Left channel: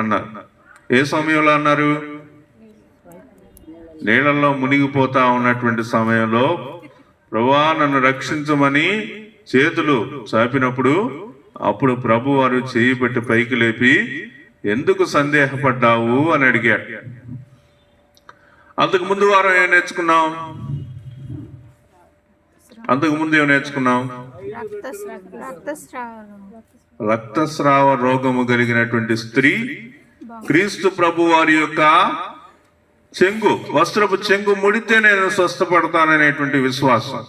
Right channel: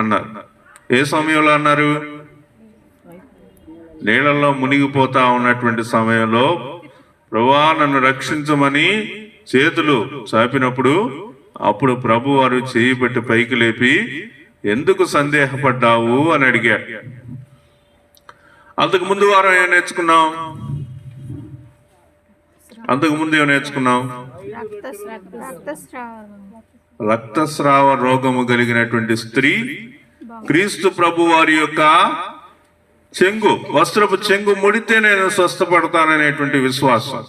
అన్నారు. ఏ సమయంలో అన్నారు? నీళ్ళల్లో మునిగిపోతా ఉన్నటువంటి సమయంలో ప్రభువా నన్ను రక్షించమని చేతులు చాపినప్పుడు అప్పుడు ప్రభు వారు చేయి పెట్టి పైకి లేపి ఎందుకు సందేహపడ్డావు అని అడిగాడు. అంతకు ముందు వారం ఏం నేర్చుకున్నాం? రక్తస్రావ రోగము కలిగినటువంటి స్త్రీ క్రీస్తు ప్రభు వారి యొక్క వస్త్రపు చెంగు ముడితే నేను స్వస్థపడతాననేటువంటి విశ్వాసం.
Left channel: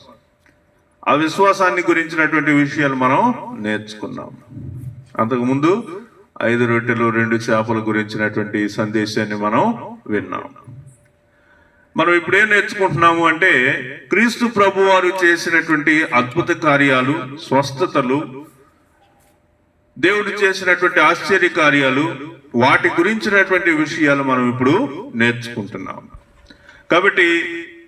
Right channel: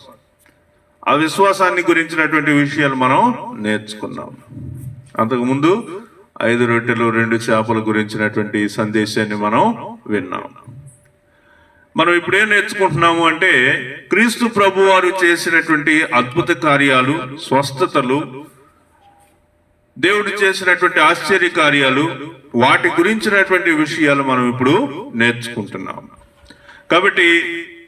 ఆ విశ్వాసాన్ని గురించినటువంటి విషయాలు మనం నేర్చుకున్నాం. అంతకుముందు 5 రొట్టెలు 2 చేపల గురించినటువంటి సందేశాన్ని మనం విన్నాం. మనం ఇప్పుడు ఏం నేర్చుకుంటున్నాము అంటే క్రీస్తు ప్రభు వారు చేసినటువంటి అద్భుత కార్యాలు, స్వస్థతలు, దేవుడు చేసినటువంటి ఆశ్చర్య కార్యాలు, వాటి గురించినటువంటి విషయాలు మనం ఇప్పుడు నేర్చుకుంటున్నాం. కాబట్టి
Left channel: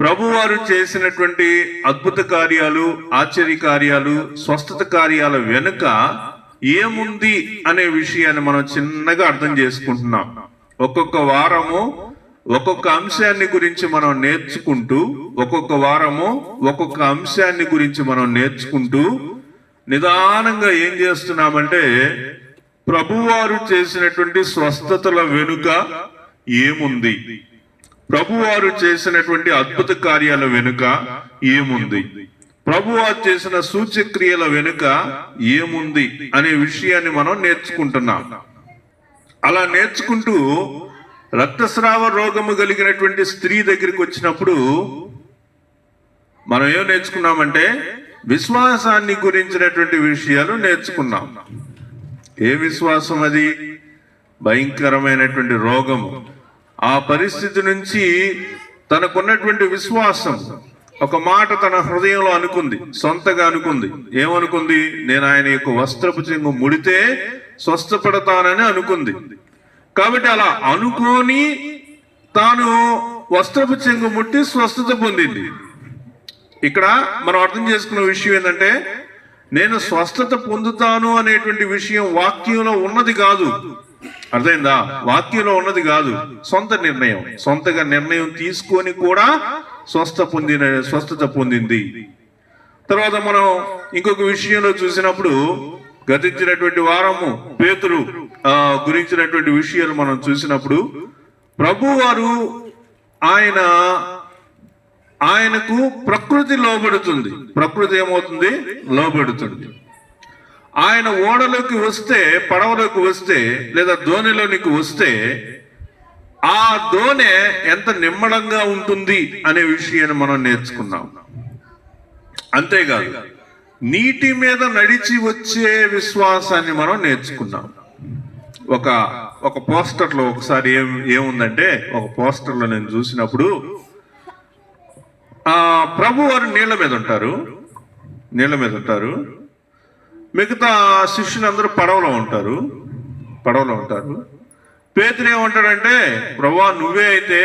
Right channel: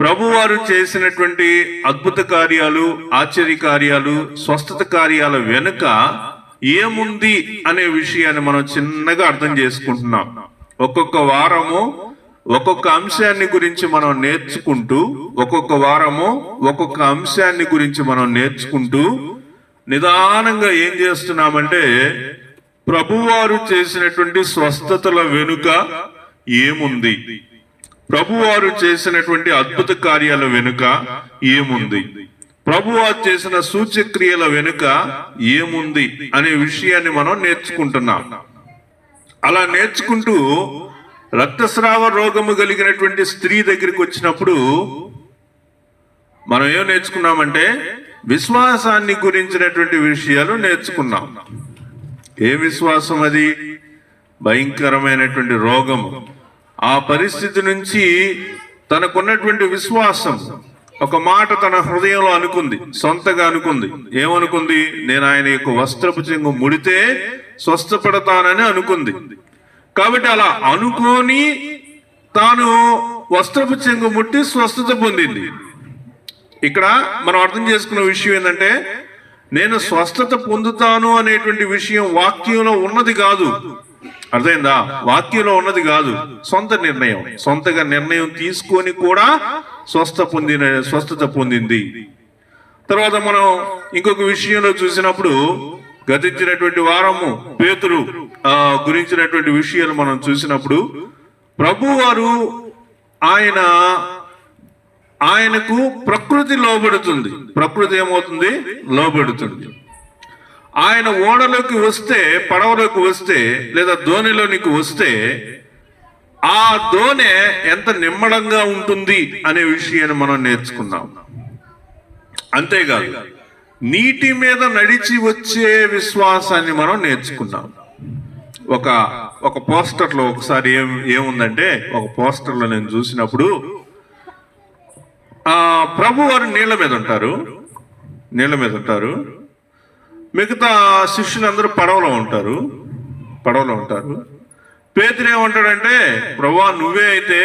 ప్రభువారు చేసినటువంటి అద్భుత కార్యాలు, ఆశ్చర్య కార్యాలు, స్వస్థత కార్యాల వెనుక ఏముంది అనే విషయాన్ని మనం చిన్నగా అర్థం చేసుకుంటున్నాం. ఒక్కొక్క వారము ఒక్కొక్క అంశాన్ని గురించి మనం నేర్చుకుంటూ, ఒక్కొక్క వారము ఒక్కొక్క అంశాన్ని గురించి మనం నేర్చుకుంటూ నిదానంగా ఏం చేస్తున్నామంటే ప్రభువారు చేసినటువంటి స్వస్థతల వెనుక ఏముంది, ప్రభువారు చేసినటువంటి అద్భుత కార్యాల వెనుక ఏముంది, ప్రభువారు చేసిన సూచక్రియల వెనుక ఏముంది అనే విషయాన్ని మనం నేర్చుకుంటున్నాం. అలా నేర్చుకుంటూ రక్తస్రావ రోగము కలిగినటువంటి స్త్రీ దగ్గరికి వచ్చినప్పుడు మనం ఏం నేర్చుకున్నామంటే విశ్వాసాన్ని గురించినటువంటి విషయాలు నేర్చుకున్నాం. ఏ విశ్వాసం అది? భయంకరమైనటువంటి రోగము. ఆ పరిస్థితి నుంచి తనకున్నటువంటి విశ్వాసం, ఒక మాట తన హృదయంలో అనుకుంది, సొంతగా అనుకుంది. ఏమనుకుంది? నేను ఆయన యొక్క వస్త్రపు చెంగు ముడితే స్వస్థపడతానని అనుకుంది. కాబట్టి అలా అనుకోని తాను వస్త్రపు చెంగు ముట్టి స్వస్థత పొందింది. ఇక్కడ మనం అర్థం చేసుకున్న విషయం ఏంటంటే నేను స్వస్థత పొందుతాను అనేటువంటి విషయం వాక్యంలో ఉన్నది కాదు. అర్థమైందా? వాక్యంలో ఉన్నది కాదు, సొంత నిర్ణయం. సొంతగా నిర్ణయం తీసుకొని కూడా స్వస్థత పొందింది. తర్వాత మనం ఇంకొక విషయంలో చూసినప్పుడు గతించినటువంటి వారము పేతురు గురించినటువంటి విషయాలు మనం చూసినప్పుడు ప్రభువారు ఆయనకు ప్రకృతి లోబడుతుంది. ప్రకృతి ఏమవుతుంది? లోబడుతుంది. ఆయన ఓడలోకి వస్తే, పడవలోకి వస్తే, లేదా దోణిలోనికి వస్తే ఆ దోణె ఎంత నిమ్మడంగా ఉంటుంది అనే విషయాన్ని మనం నేర్చుకున్నాం. అంతేకాదు నీటి మీద నడిచి వచ్చే విశ్వాసాన్ని మనం నేర్చుకున్నాం. ఒక పోస్టర్లో ఒకసారి ఏముందంటే ఒక పోస్టర్లో నేను చూసినప్పుడు ప్రభు వారు నీళ్ళ మీద ఉంటారు, మిగతా శిష్యులందరూ పడవలో ఉంటారు. పేతురు ఏమంటాడంటే ప్రభువా నువ్వే అయితే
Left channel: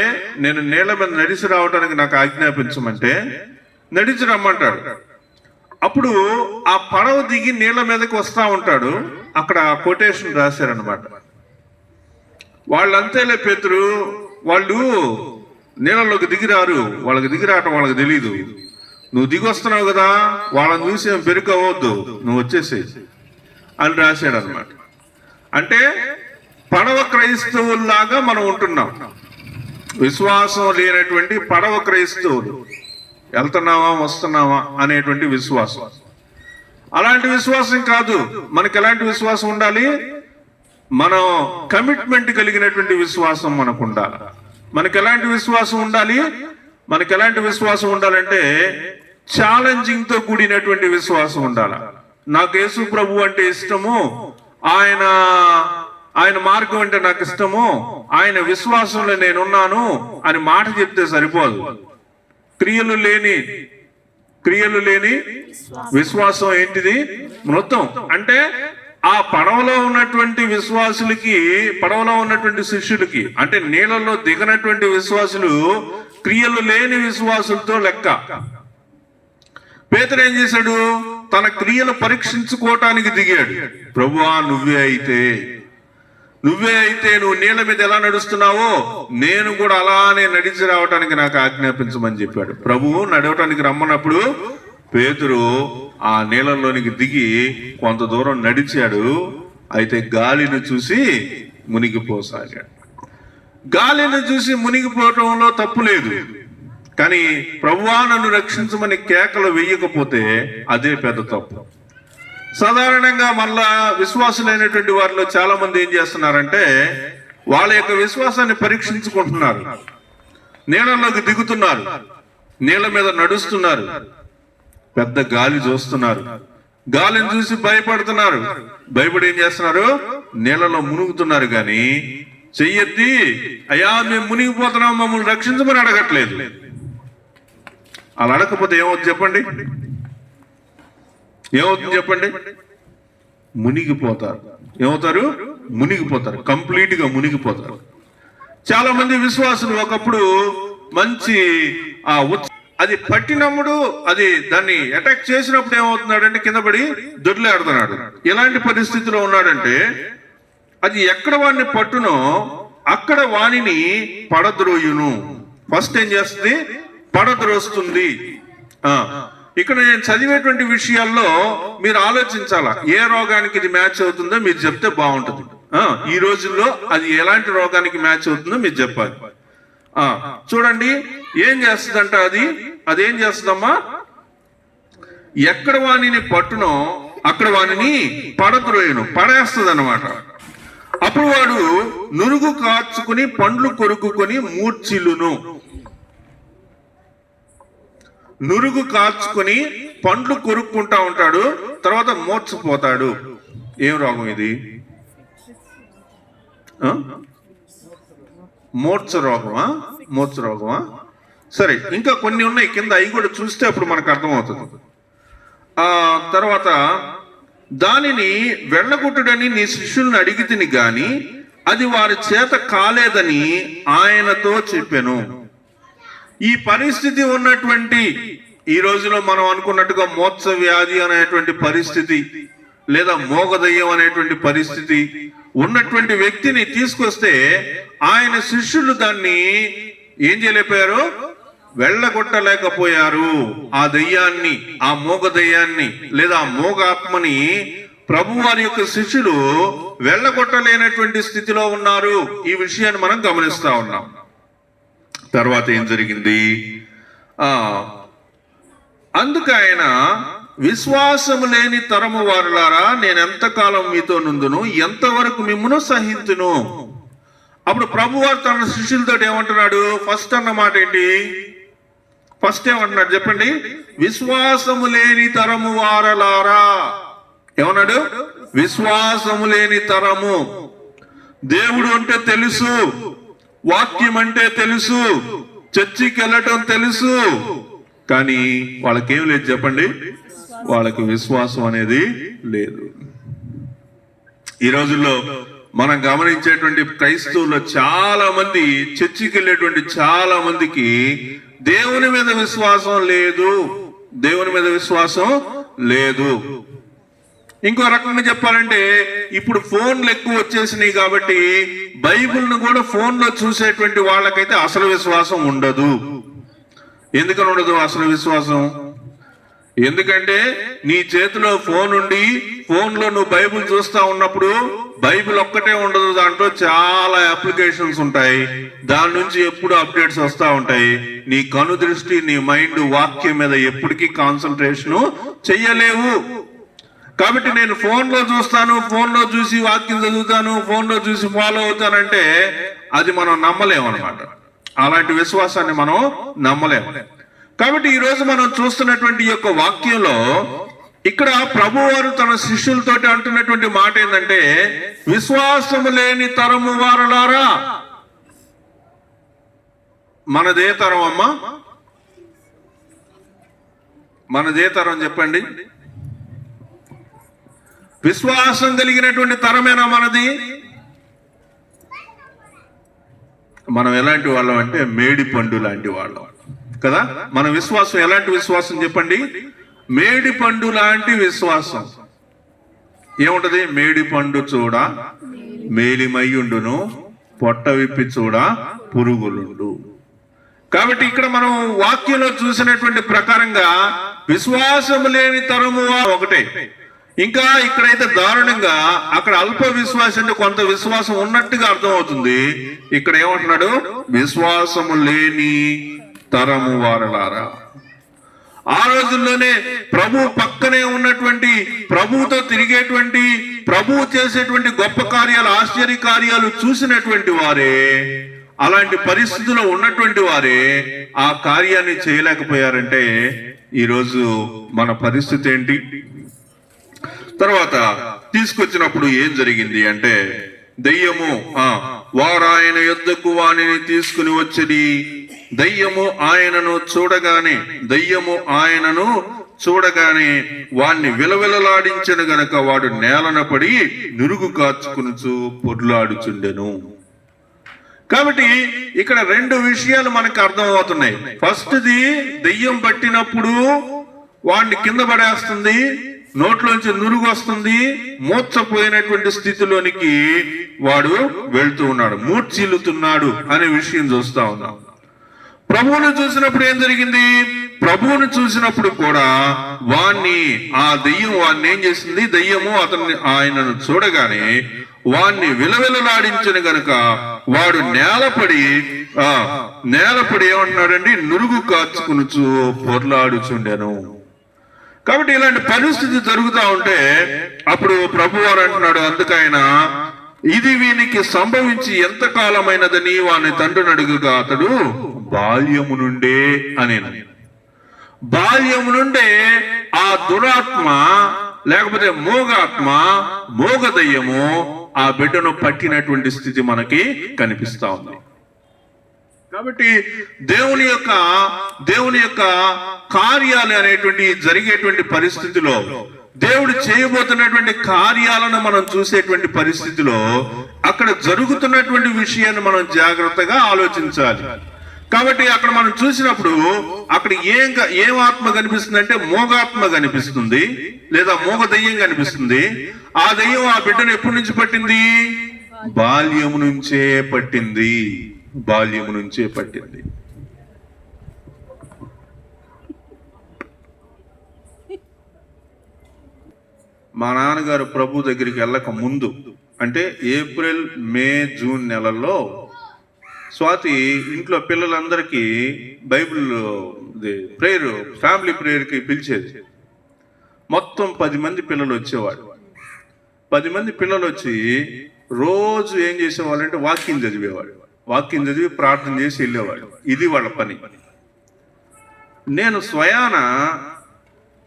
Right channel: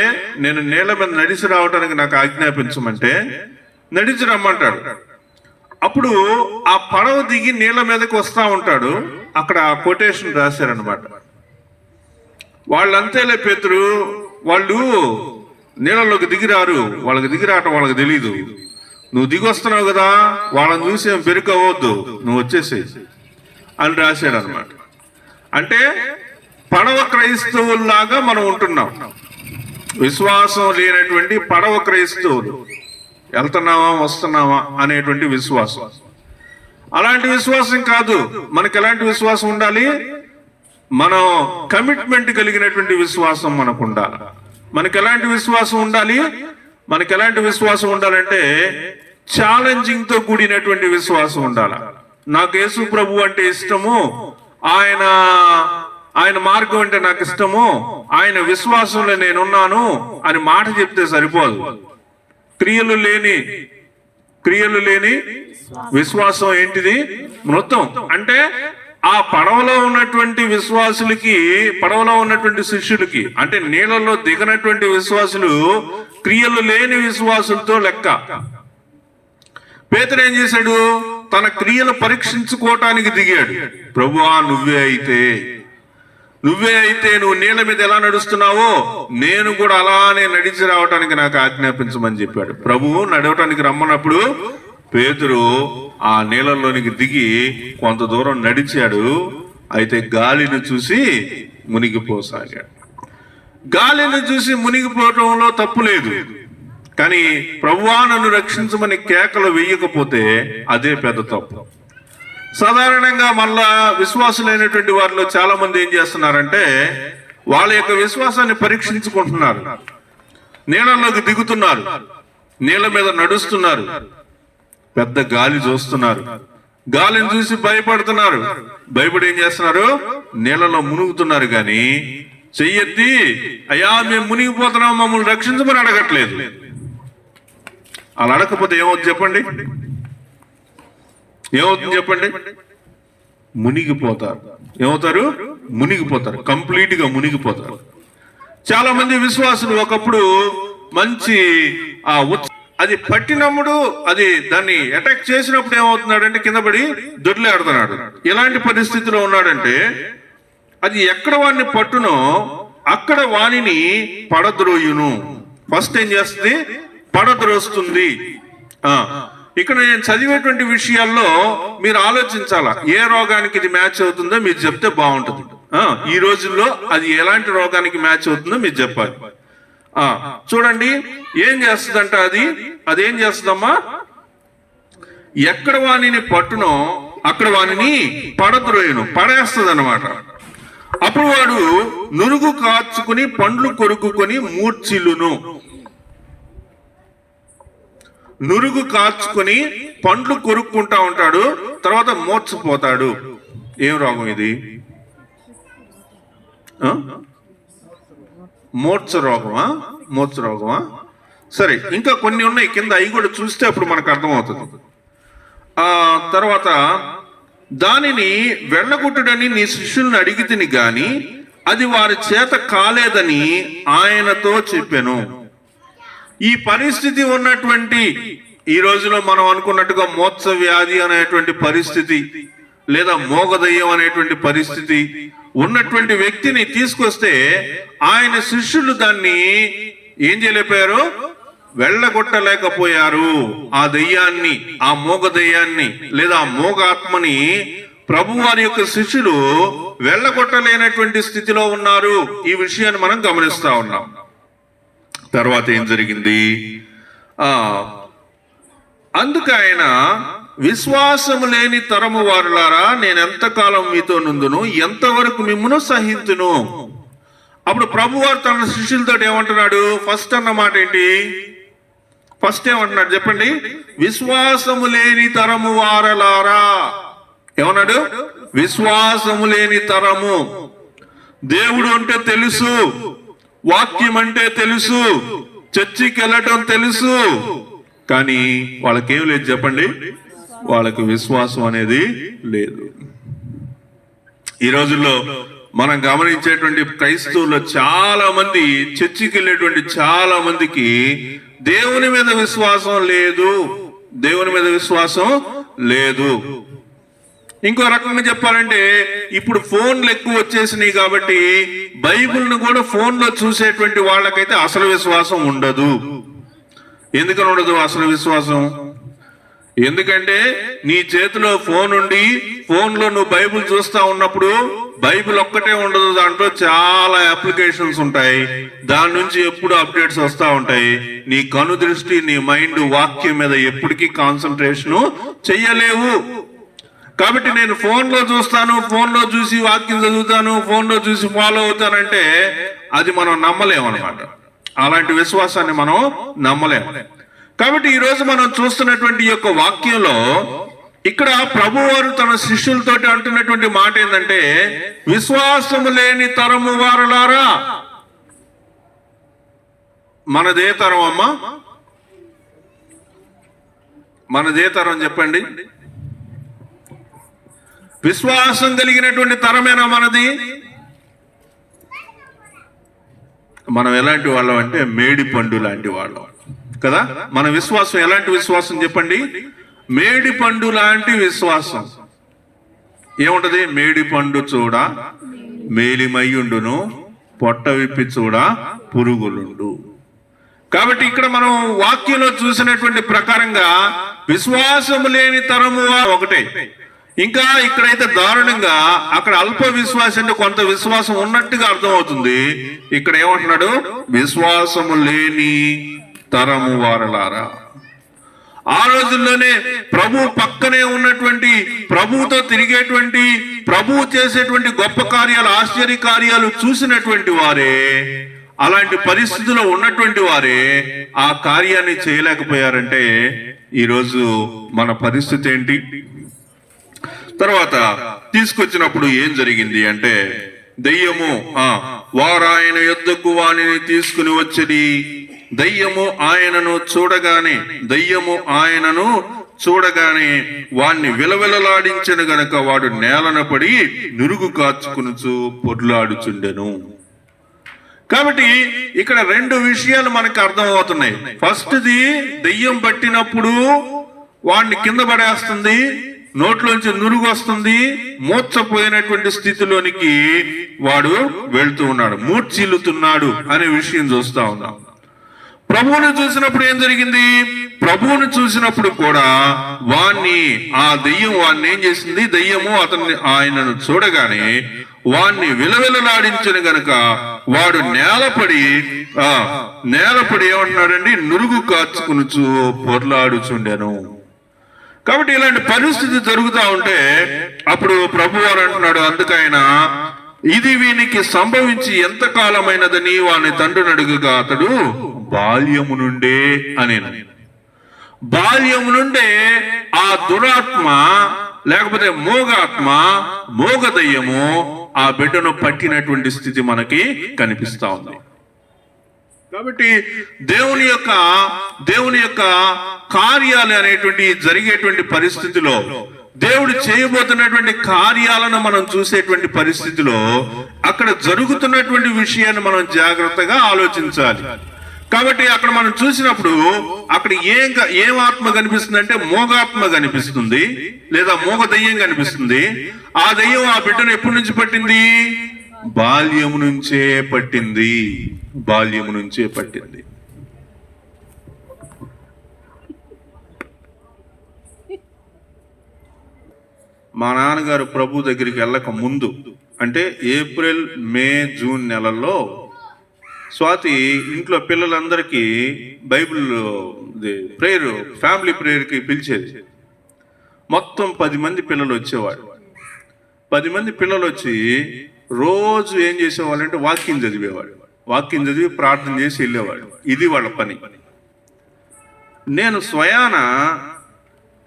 నేను నీళ్ళ మీద నడిచి రావడానికి నాకు ఆజ్ఞాపించమంటే నడిచి రమ్మంటాడు. అప్పుడు ఆ పడవ దిగి నీళ్ళ మీదకి వస్తా ఉంటాడు. అక్కడ కొటేషన్ రాశారనమాట. వాళ్ళంతేలే పేతురు, వాళ్ళు నీళ్ళలోకి దిగిరారు, వాళ్ళకి దిగిరావటం వాళ్ళకి తెలీదు. నువ్వు దిగి వస్తున్నావు కదా, వాళ్ళని చూసి ఏం బెరుకవద్దు, నువ్వు వచ్చేసే అని రాశాడు అనమాట. అంటే పడవ క్రైస్తవుల్లాగా మనం ఉంటున్నాం. విశ్వాసం లేనటువంటి పడవ క్రైస్తవులు, వెళ్తున్నావా వస్తున్నావా అనేటువంటి విశ్వాసం. అలాంటి విశ్వాసం కాదు. మనకి ఎలాంటి విశ్వాసం ఉండాలి? మనం కమిట్మెంట్ కలిగినటువంటి విశ్వాసం మనకు ఉండాలి. మనకి ఎలాంటి విశ్వాసం ఉండాలి? ఉండాలంటే ఛాలెంజింగ్ తో కూడినటువంటి విశ్వాసం ఉండాలి. నాకు యేసు ప్రభు అంటే ఇష్టము, ఆయన మార్గం అంటే నాకు ఇష్టము, ఆయన విశ్వాసంలో నేనున్నాను అని మాట చెప్తే సరిపోదు. క్రియలు లేని విశ్వాసం ఏంటిది? మొత్తం అంటే ఆ పడవలో ఉన్నటువంటి విశ్వాసులకి, పడవలో ఉన్నటువంటి శిష్యులకి, అంటే నీళ్ళలో దిగనటువంటి విశ్వాసులు క్రియలు లేని విశ్వాసులతో లెక్క. పేతురు ఏం చేశాడు? తన క్రియలు పరీక్షించుకోవటానికి దిగాడు. ప్రభువా నువ్వే అయితే నువ్వే అయితే నువ్వు నీళ్ళ మీద ఎలా నడుస్తున్నావో నేను కూడా అలానే నడిచి రావటానికి నాకు ఆజ్ఞాపించమని చెప్పాడు. ప్రభువు నడవటానికి రమ్మన్నప్పుడు పేతురు ఆ నీళ్ళలోనికి దిగి కొంత దూరం నడిచాడు. అయితే గాలిని చూసి మునిగిపోసాగాడు. గాలిని చూసి మునిగిపోవటంలో తప్పు లేదు, కానీ ప్రభువా నన్ను రక్షించమని కేకలు వేయకపోతే అదే పెద్ద తప్పు. సాధారణంగా మళ్ళా విశ్వాసులైనటువంటి వారిలో చాలా మంది ఏం చేస్తున్నారంటే వాళ్ళ యొక్క విశ్వాసాన్ని పరీక్షించుకుంటున్నారు. నీళ్ళలోకి దిగుతున్నారు, నీళ్ళ మీద నడుస్తున్నారు, పెద్ద గాలి చూస్తున్నారు, గాలిని చూసి భయపడుతున్నారు. భయపడి ఏం చేస్తున్నారు? నీళ్ళలో మునుగుతున్నారు. కానీ చెయ్యెత్తి అయ్యా మేము మునిగిపోతున్నాం మమ్మల్ని రక్షించమని అడగట్లేదు. అలా అడగకపోతే ఏమవుతుంది చెప్పండి? ఏమవుతుంది చెప్పండి? మునిగిపోతారు. ఏమవుతారు? మునిగిపోతారు, కంప్లీట్ గా మునిగిపోతారు. చాలా మంది విశ్వాసులు ఒకప్పుడు మంచి అది పట్టినప్పుడు అది దాన్ని అటాక్ చేసినప్పుడు ఏమవుతున్నాడంటే కింద పడి దొడ్లాడుతున్నాడు. ఎలాంటి పరిస్థితిలో ఉన్నాడంటే అది ఎక్కడ వాడిని పట్టునో అక్కడ వాణిని పడద్రోయును. ఫస్ట్ ఏం చేస్తుంది? పడద్రోస్తుంది. ఇక్కడ నేను చదివేటువంటి విషయాల్లో మీరు ఆలోచించాలా, ఏ రోగానికి ఇది మ్యాచ్ అవుతుందో మీరు చెప్తే బాగుంటుంది. ఈ రోజుల్లో అది ఎలాంటి రోగానికి మ్యాచ్ అవుతుందో మీరు చెప్పాలి. చూడండి ఏం చేస్తుందంట, అదేం చేస్తుందమ్మా, ఎక్కడ వాణిని పట్టునో అక్కడ వాణిని పడద్రోయను, పడేస్తుంది అన్నమాట. అప్పుడు వాడు నురుగు కార్చుకుని పండ్లు కొరుకుని మూర్ఛిల్లును. నురుగు కార్చుకుని పండ్లు కొరుక్కుంటా ఉంటాడు, తర్వాత మూర్ఛపోతాడు. ఏం రోగం ఇది? మూర్ఛ రోగమా? మూర్ఛ రోగమా? సరే, ఇంకా కొన్ని ఉన్నాయి కింద, అవి కూడా చూస్తే అప్పుడు మనకు అర్థమవుతుంది. తర్వాత దానిని వెళ్ళగొట్టుడని నీ శిష్యుల్ని అడిగి తిని గాని అది వారి చేత కాలేదని ఆయనతో చెప్పాను. ఈ పరిస్థితి ఉన్నటువంటి ఈ రోజులో మనం అనుకున్నట్టుగా మోత్స వ్యాధి అనేటువంటి పరిస్థితి లేదా మోగదయ్యం అనేటువంటి పరిస్థితి ఉన్నటువంటి వ్యక్తిని తీసుకొస్తే ఆయన శిష్యులు దాన్ని ఏం చేయలేకపోయారు? వెళ్ళగొట్టలేకపోయారు. ఆ దయ్యాన్ని, ఆ మోగ దయ్యాన్ని లేదా ఆ మోగ ఆత్మని ప్రభు వారి యొక్క శిష్యులు వెళ్ళగొట్టలేనటువంటి స్థితిలో ఉన్నారు. ఈ విషయాన్ని మనం గమనిస్తా ఉన్నాం. తర్వాత ఏం జరిగింది? అందుకు ఆయన విశ్వాసము లేని తరము వారులారా నేను ఎంతకాలం మీతో నుందును, ఎంతవరకు మిమ్మును సహించును. అప్పుడు ప్రభువారు తన శిష్యులతో ఏమంటున్నాడు? ఫస్ట్ అన్న మాట ఏంటి? ఫస్ట్ ఏమంటున్నాడు చెప్పండి? విశ్వాసము లేని తరము వారలారా. ఏమన్నాడు? విశ్వాసము లేని తరము. దేవుడు అంటే తెలుసు, వాక్యం అంటే తెలుసు, చర్చికి వెళ్ళటం తెలుసు, కానీ వాళ్ళకేం లేదు చెప్పండి? వాళ్ళకి విశ్వాసం అనేది లేదు. ఈ రోజుల్లో మనం గమనించేటువంటి క్రైస్తవుల్లో చాలా మంది, చర్చికి వెళ్ళేటువంటి చాలా మందికి దేవుని మీద విశ్వాసం లేదు. దేవుని మీద విశ్వాసం లేదు. ఇంకో రకంగా చెప్పాలంటే ఇప్పుడు ఫోన్లు ఎక్కువ వచ్చేసినాయి కాబట్టి బైబిల్ను కూడా ఫోన్లో చూసేటువంటి వాళ్ళకైతే అసలు విశ్వాసం ఉండదు. ఎందుకని ఉండదు అసలు విశ్వాసం? ఎందుకంటే నీ చేతిలో ఫోన్ ఉండి ఫోన్లో నువ్వు బైబిల్ చూస్తా ఉన్నప్పుడు బైబిల్ ఒక్కటే ఉండదు, దాంట్లో చాలా అప్లికేషన్స్ ఉంటాయి, దాని నుంచి ఎప్పుడు అప్డేట్స్ వస్తూ ఉంటాయి. నీ కను దృష్టి, నీ మైండ్ వాక్యం మీద ఎప్పటికీ కాన్సన్ట్రేషన్ చెయ్యలేవు. కాబట్టి నేను ఫోన్లో చూస్తాను, ఫోన్లో చూసి వాక్యం చదువుతాను, ఫోన్లో చూసి ఫాలో అవుతానంటే అది మనం నమ్మలేమన్నమాట. అలాంటి విశ్వాసాన్ని మనం నమ్మలేము. కాబట్టి ఈ రోజు మనం చూస్తున్నటువంటి ఈ యొక్క వాక్యంలో ఇక్కడ ప్రభువారు తన శిష్యులతోటి అంటున్నటువంటి మాట ఏంటంటే విశ్వాసము లేని తరము వారలారా. మనదే తరం అమ్మా? మనదే తరం చెప్పండి? విశ్వాసం కలిగినటువంటి తరమేనా మనది? మనం ఎలాంటి వాళ్ళం అంటే మేడి పండు లాంటి వాళ్ళం కదా. మన విశ్వాసం ఎలాంటి విశ్వాసం చెప్పండి? మేడి పండు లాంటి విశ్వాసం. ఏముంటది? మేడి పండు చూడ మేలిమయ్యుండును, పొట్ట విప్పి చూడ పురుగులుండు. కాబట్టి ఇక్కడ మనం వాక్యంలో చూసినటువంటి ప్రకారంగా విశ్వాసము లేని తరము ఒకటే. ఇంకా ఇక్కడైతే దారుణంగా అక్కడ అల్ప విశ్వాసం అంటే కొంత విశ్వాసం ఉన్నట్టుగా అర్థమవుతుంది. ఇక్కడ ఏమంటున్నాడు? విశ్వాసము లేని తరము వారలారా. ఆ రోజుల్లోనే ప్రభు పక్కనే ఉన్నటువంటి, ప్రభువుతో తిరిగేటువంటి, ప్రభువు చేసేటువంటి గొప్ప కార్యాలు, ఆశ్చర్య కార్యాలు చూసినటువంటి వారే, అలాంటి పరిస్థితిలో ఉన్నటువంటి వారే ఆ కార్యాన్ని చేయలేకపోయారంటే ఈరోజు మన పరిస్థితి ఏంటి? తర్వాత తీసుకొచ్చినప్పుడు ఏం జరిగింది అంటే, దయ్యము వారు ఆయన యొద్దకు వానిని తీసుకుని వచ్చి దయ్యము ఆయనను చూడగానే వాణ్ణి విలవిలలాడించిన గనక వాడు నేలన పడి నురుగు కాచుకునుచు పొర్లాడుచుండెను. కాబట్టి ఇక్కడ రెండు విషయాలు మనకు అర్థమవుతున్నాయి. ఫస్ట్ది, దెయ్యం పట్టినప్పుడు వాడిని కింద పడేస్తుంది, నోట్లోంచి నురుగు వస్తుంది, మూర్చపోయినటువంటి స్థితిలోనికి వాడు వెళ్తూ ఉన్నాడు, మూర్చిల్లుతున్నాడు అనే విషయం చూస్తా ఉన్నాం. ప్రభువును చూసినప్పుడు ఏం జరిగింది? ప్రభువును చూసినప్పుడు కూడా ఆ దెయ్యం వాడిని ఏం చేసింది? దెయ్యము ఆయనను చూడగానే వాణ్ణి విలవిలలాడించిన గనుక వాడు నేలపడి ఏమంటున్నాడండి? నురుగు కార్చుకునుచు పొర్లాడుచుండెను. కాబట్టి ఇలాంటి పరిస్థితి జరుగుతూ ఉంటే అప్పుడు ప్రభువారు అంటున్నాడు, అందుకైనా ఇది వీనికి సంభవించి ఎంత కాలమైనదని వాని తండ్రిని అడుగుగా అతడు బాల్యము నుండే అనేను. బాల్యము నుండే ఆ దురాత్మ లేకపోతే మోగ దయ్యము ఆ బిడ్డను పట్టినటువంటి స్థితి మనకి కనిపిస్తా ఉంది. కాబట్టి దేవుని యొక్క కార్యాలు అనేటువంటి జరిగేటువంటి పరిస్థితిలో, దేవుడు చేయబోతున్నటువంటి కార్యాలను మనం చూసేటువంటి పరిస్థితిలో అక్కడ జరుగుతున్నటువంటి విషయాన్ని మనం జాగ్రత్తగా ఆలోచించాలి. కాబట్టి అక్కడ మనం చూసినప్పుడు అక్కడ ఏం ఆత్మ కనిపిస్తుంది అంటే మోగాత్మ కనిపిస్తుంది, లేదా మోగ దయ్యం కనిపిస్తుంది. ఆ దయ్యం ఆ బిడ్డను ఎప్పటి నుంచి పట్టింది? బాల్యము నుంచే పట్టింది. మా నాన్నగారు ప్రభు దగ్గరికి వెళ్ళక ముందు అంటే ఏప్రిల్, మే, జూన్ నెలల్లో స్వాతి ఇంట్లో పిల్లలందరికీ బైబిల్ ప్రేయర్, ఫ్యామిలీ ప్రేయర్కి పిలిచేది. మొత్తం 10 మంది పిల్లలు వచ్చేవాడు. 10 మంది పిల్లలు వచ్చి రోజు ఏం చేసేవాళ్ళంటే వాక్యం చదివి ప్రార్థన చేసి వెళ్ళేవాడు. ఇది వాళ్ళ పని. నేను స్వయాన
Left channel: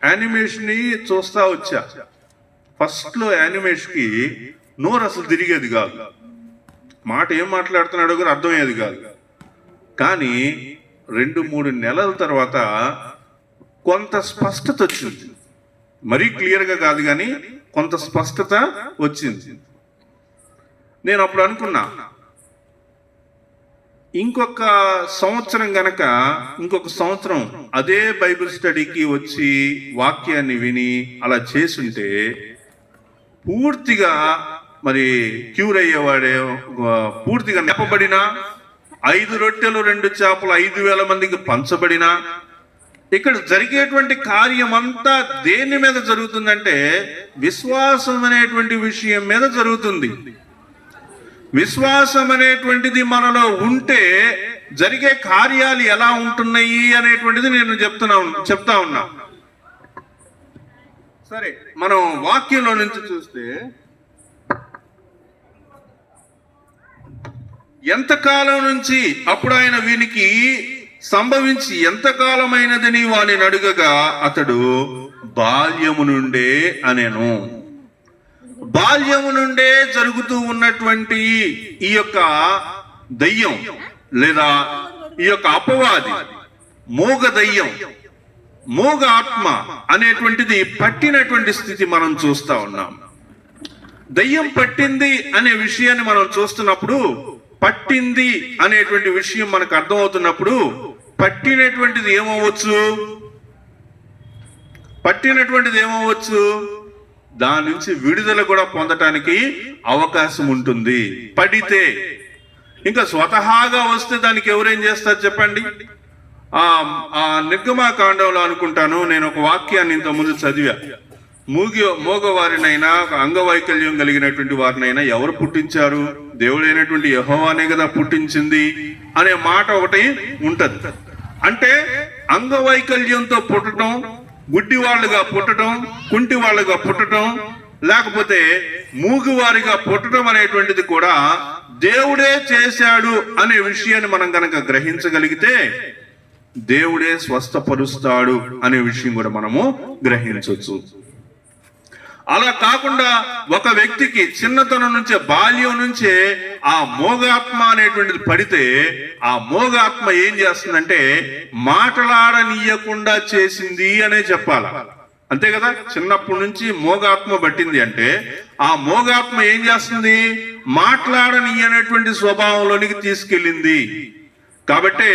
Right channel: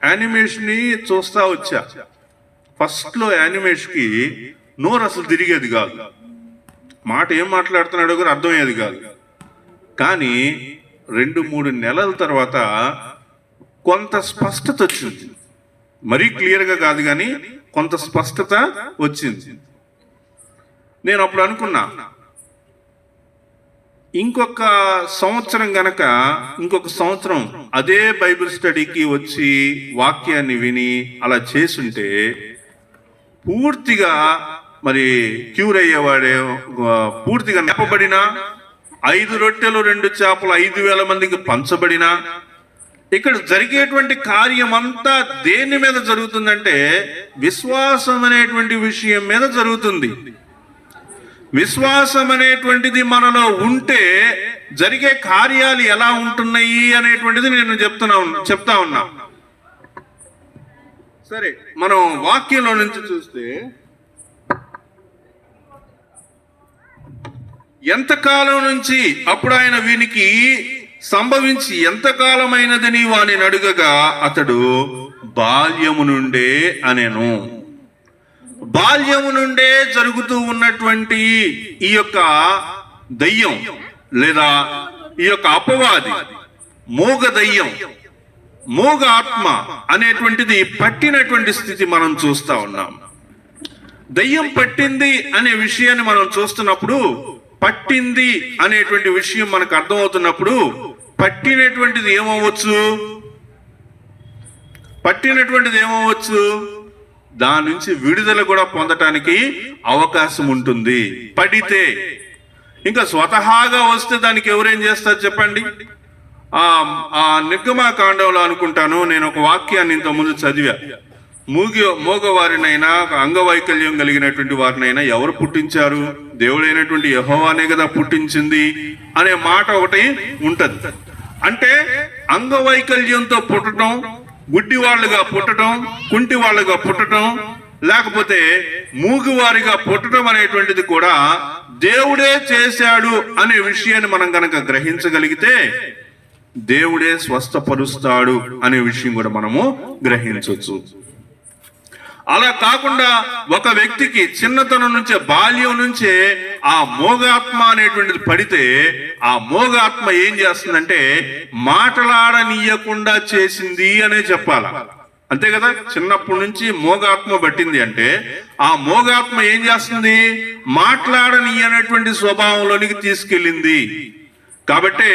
యానిమేషన్ చూస్తా వచ్చా. ఫస్ట్లో యానిమేషన్కి నోరు అసలు తిరిగేది కాదు, మాట ఏం మాట్లాడుతున్నాడో కూడా అర్థమయ్యేది కాదు. కానీ 2-3 నెలల తర్వాత కొంత స్పష్టత వచ్చింది. మరీ క్లియర్గా కాదు కానీ కొంత స్పష్టత వచ్చింది. నేను అప్పుడు అనుకున్నా, ఇంకొక సంవత్సరం అదే బైబిల్ స్టడీకి వచ్చి వాక్యాన్ని విని అలా చేసుంటే పూర్తిగా మరి క్యూర్ అయ్యేవాడే, పూర్తిగా నెప్పబడిన 5 రొట్టెలు 2 చేపలు 5,000 మందికి పంచబడిన. ఇక్కడ జరిగేటువంటి కార్యం అంతా దేని మీద జరుగుతుందంటే విశ్వాసం అనేటువంటి విషయం మీద జరుగుతుంది. విశ్వాసం అనేటువంటిది మనలో ఉంటే జరిగే కార్యాలు ఎలా ఉంటున్నాయి అనేటువంటిది నేను చెప్తా ఉన్నా. సరే, మనం వాక్యంలో నుంచి చూస్తే ఎంతకాలం నుంచి అప్పుడు ఆయన వీనికి సంభవించి ఎంతకాలమైనదని వాని అడుగగా అతడు బాల్యము నుండే అనేను. బాల్యము నుండే జరుగుతూ ఉన్నటువంటి ఈ యొక్క దయ్యం లేదా ఈ యొక్క అపవాది, మోగ దయ్యం, మోగ ఆత్మ అనేటువంటిది పట్టినటువంటి స్థితి మనం చూస్తా ఉన్నాం. దయ్యం పట్టింది అనే విషయాన్ని మనం చూస్తున్నప్పుడు, పట్టింది అనేటువంటి విషయం మనకు అర్థమవుతున్నప్పుడు పట్టినటువంటిది ఏమవచ్చు? దాని నుంచి విడుదల కూడా పొందటానికి అవకాశం ఉంటుంది పడితే. ఇంకా స్వతహాగా వస్తే దానికి ఎవరేం చేస్తారు చెప్పండి? ఆ నిర్గమాకాండంలో అనుకుంటాను నేను ఒక వాక్యాన్ని ఇంత ముందు చదివా. మోగవారినైనా అంగవైకల్యం కలిగినటువంటి వారినైనా ఎవరు పుట్టించారు? దేవుడైనటువంటి యెహోవానే కదా పుట్టించింది అనే మాట ఒకటి ఉంటది. అంటే అంగవైకల్యంతో పుట్టడం, గుడ్డి వాళ్ళుగా పుట్టడం, కుంటి వాళ్ళుగా పుట్టడం, లేకపోతే మూగువారిగా పుట్టడం అనేటువంటిది కూడా దేవుడే చేశాడు అనే విషయాన్ని మనం కనుక గ్రహించగలిగితే దేవుడే స్వస్థపరుస్తాడు అనే విషయం కూడా మనము గ్రహించవచ్చు. అలా కాకుండా ఒక వ్యక్తికి చిన్నతనం నుంచే, బాల్యం నుంచే ఆ మోగాత్మ అనేటువంటిది పడితే ఆ మోగాత్మ ఏం చేస్తుందంటే మాటలాడనీయకుండా చేసింది అనే చెప్పాల. అంతే కదా? చిన్నప్పటి నుంచి మోగాత్మ పట్టింది అంటే ఆ మోగాత్మ ఏం చేస్తుంది? మాట్లాడనీయనటువంటి స్వభావంలోనికి తీసుకెళ్ళింది. కాబట్టి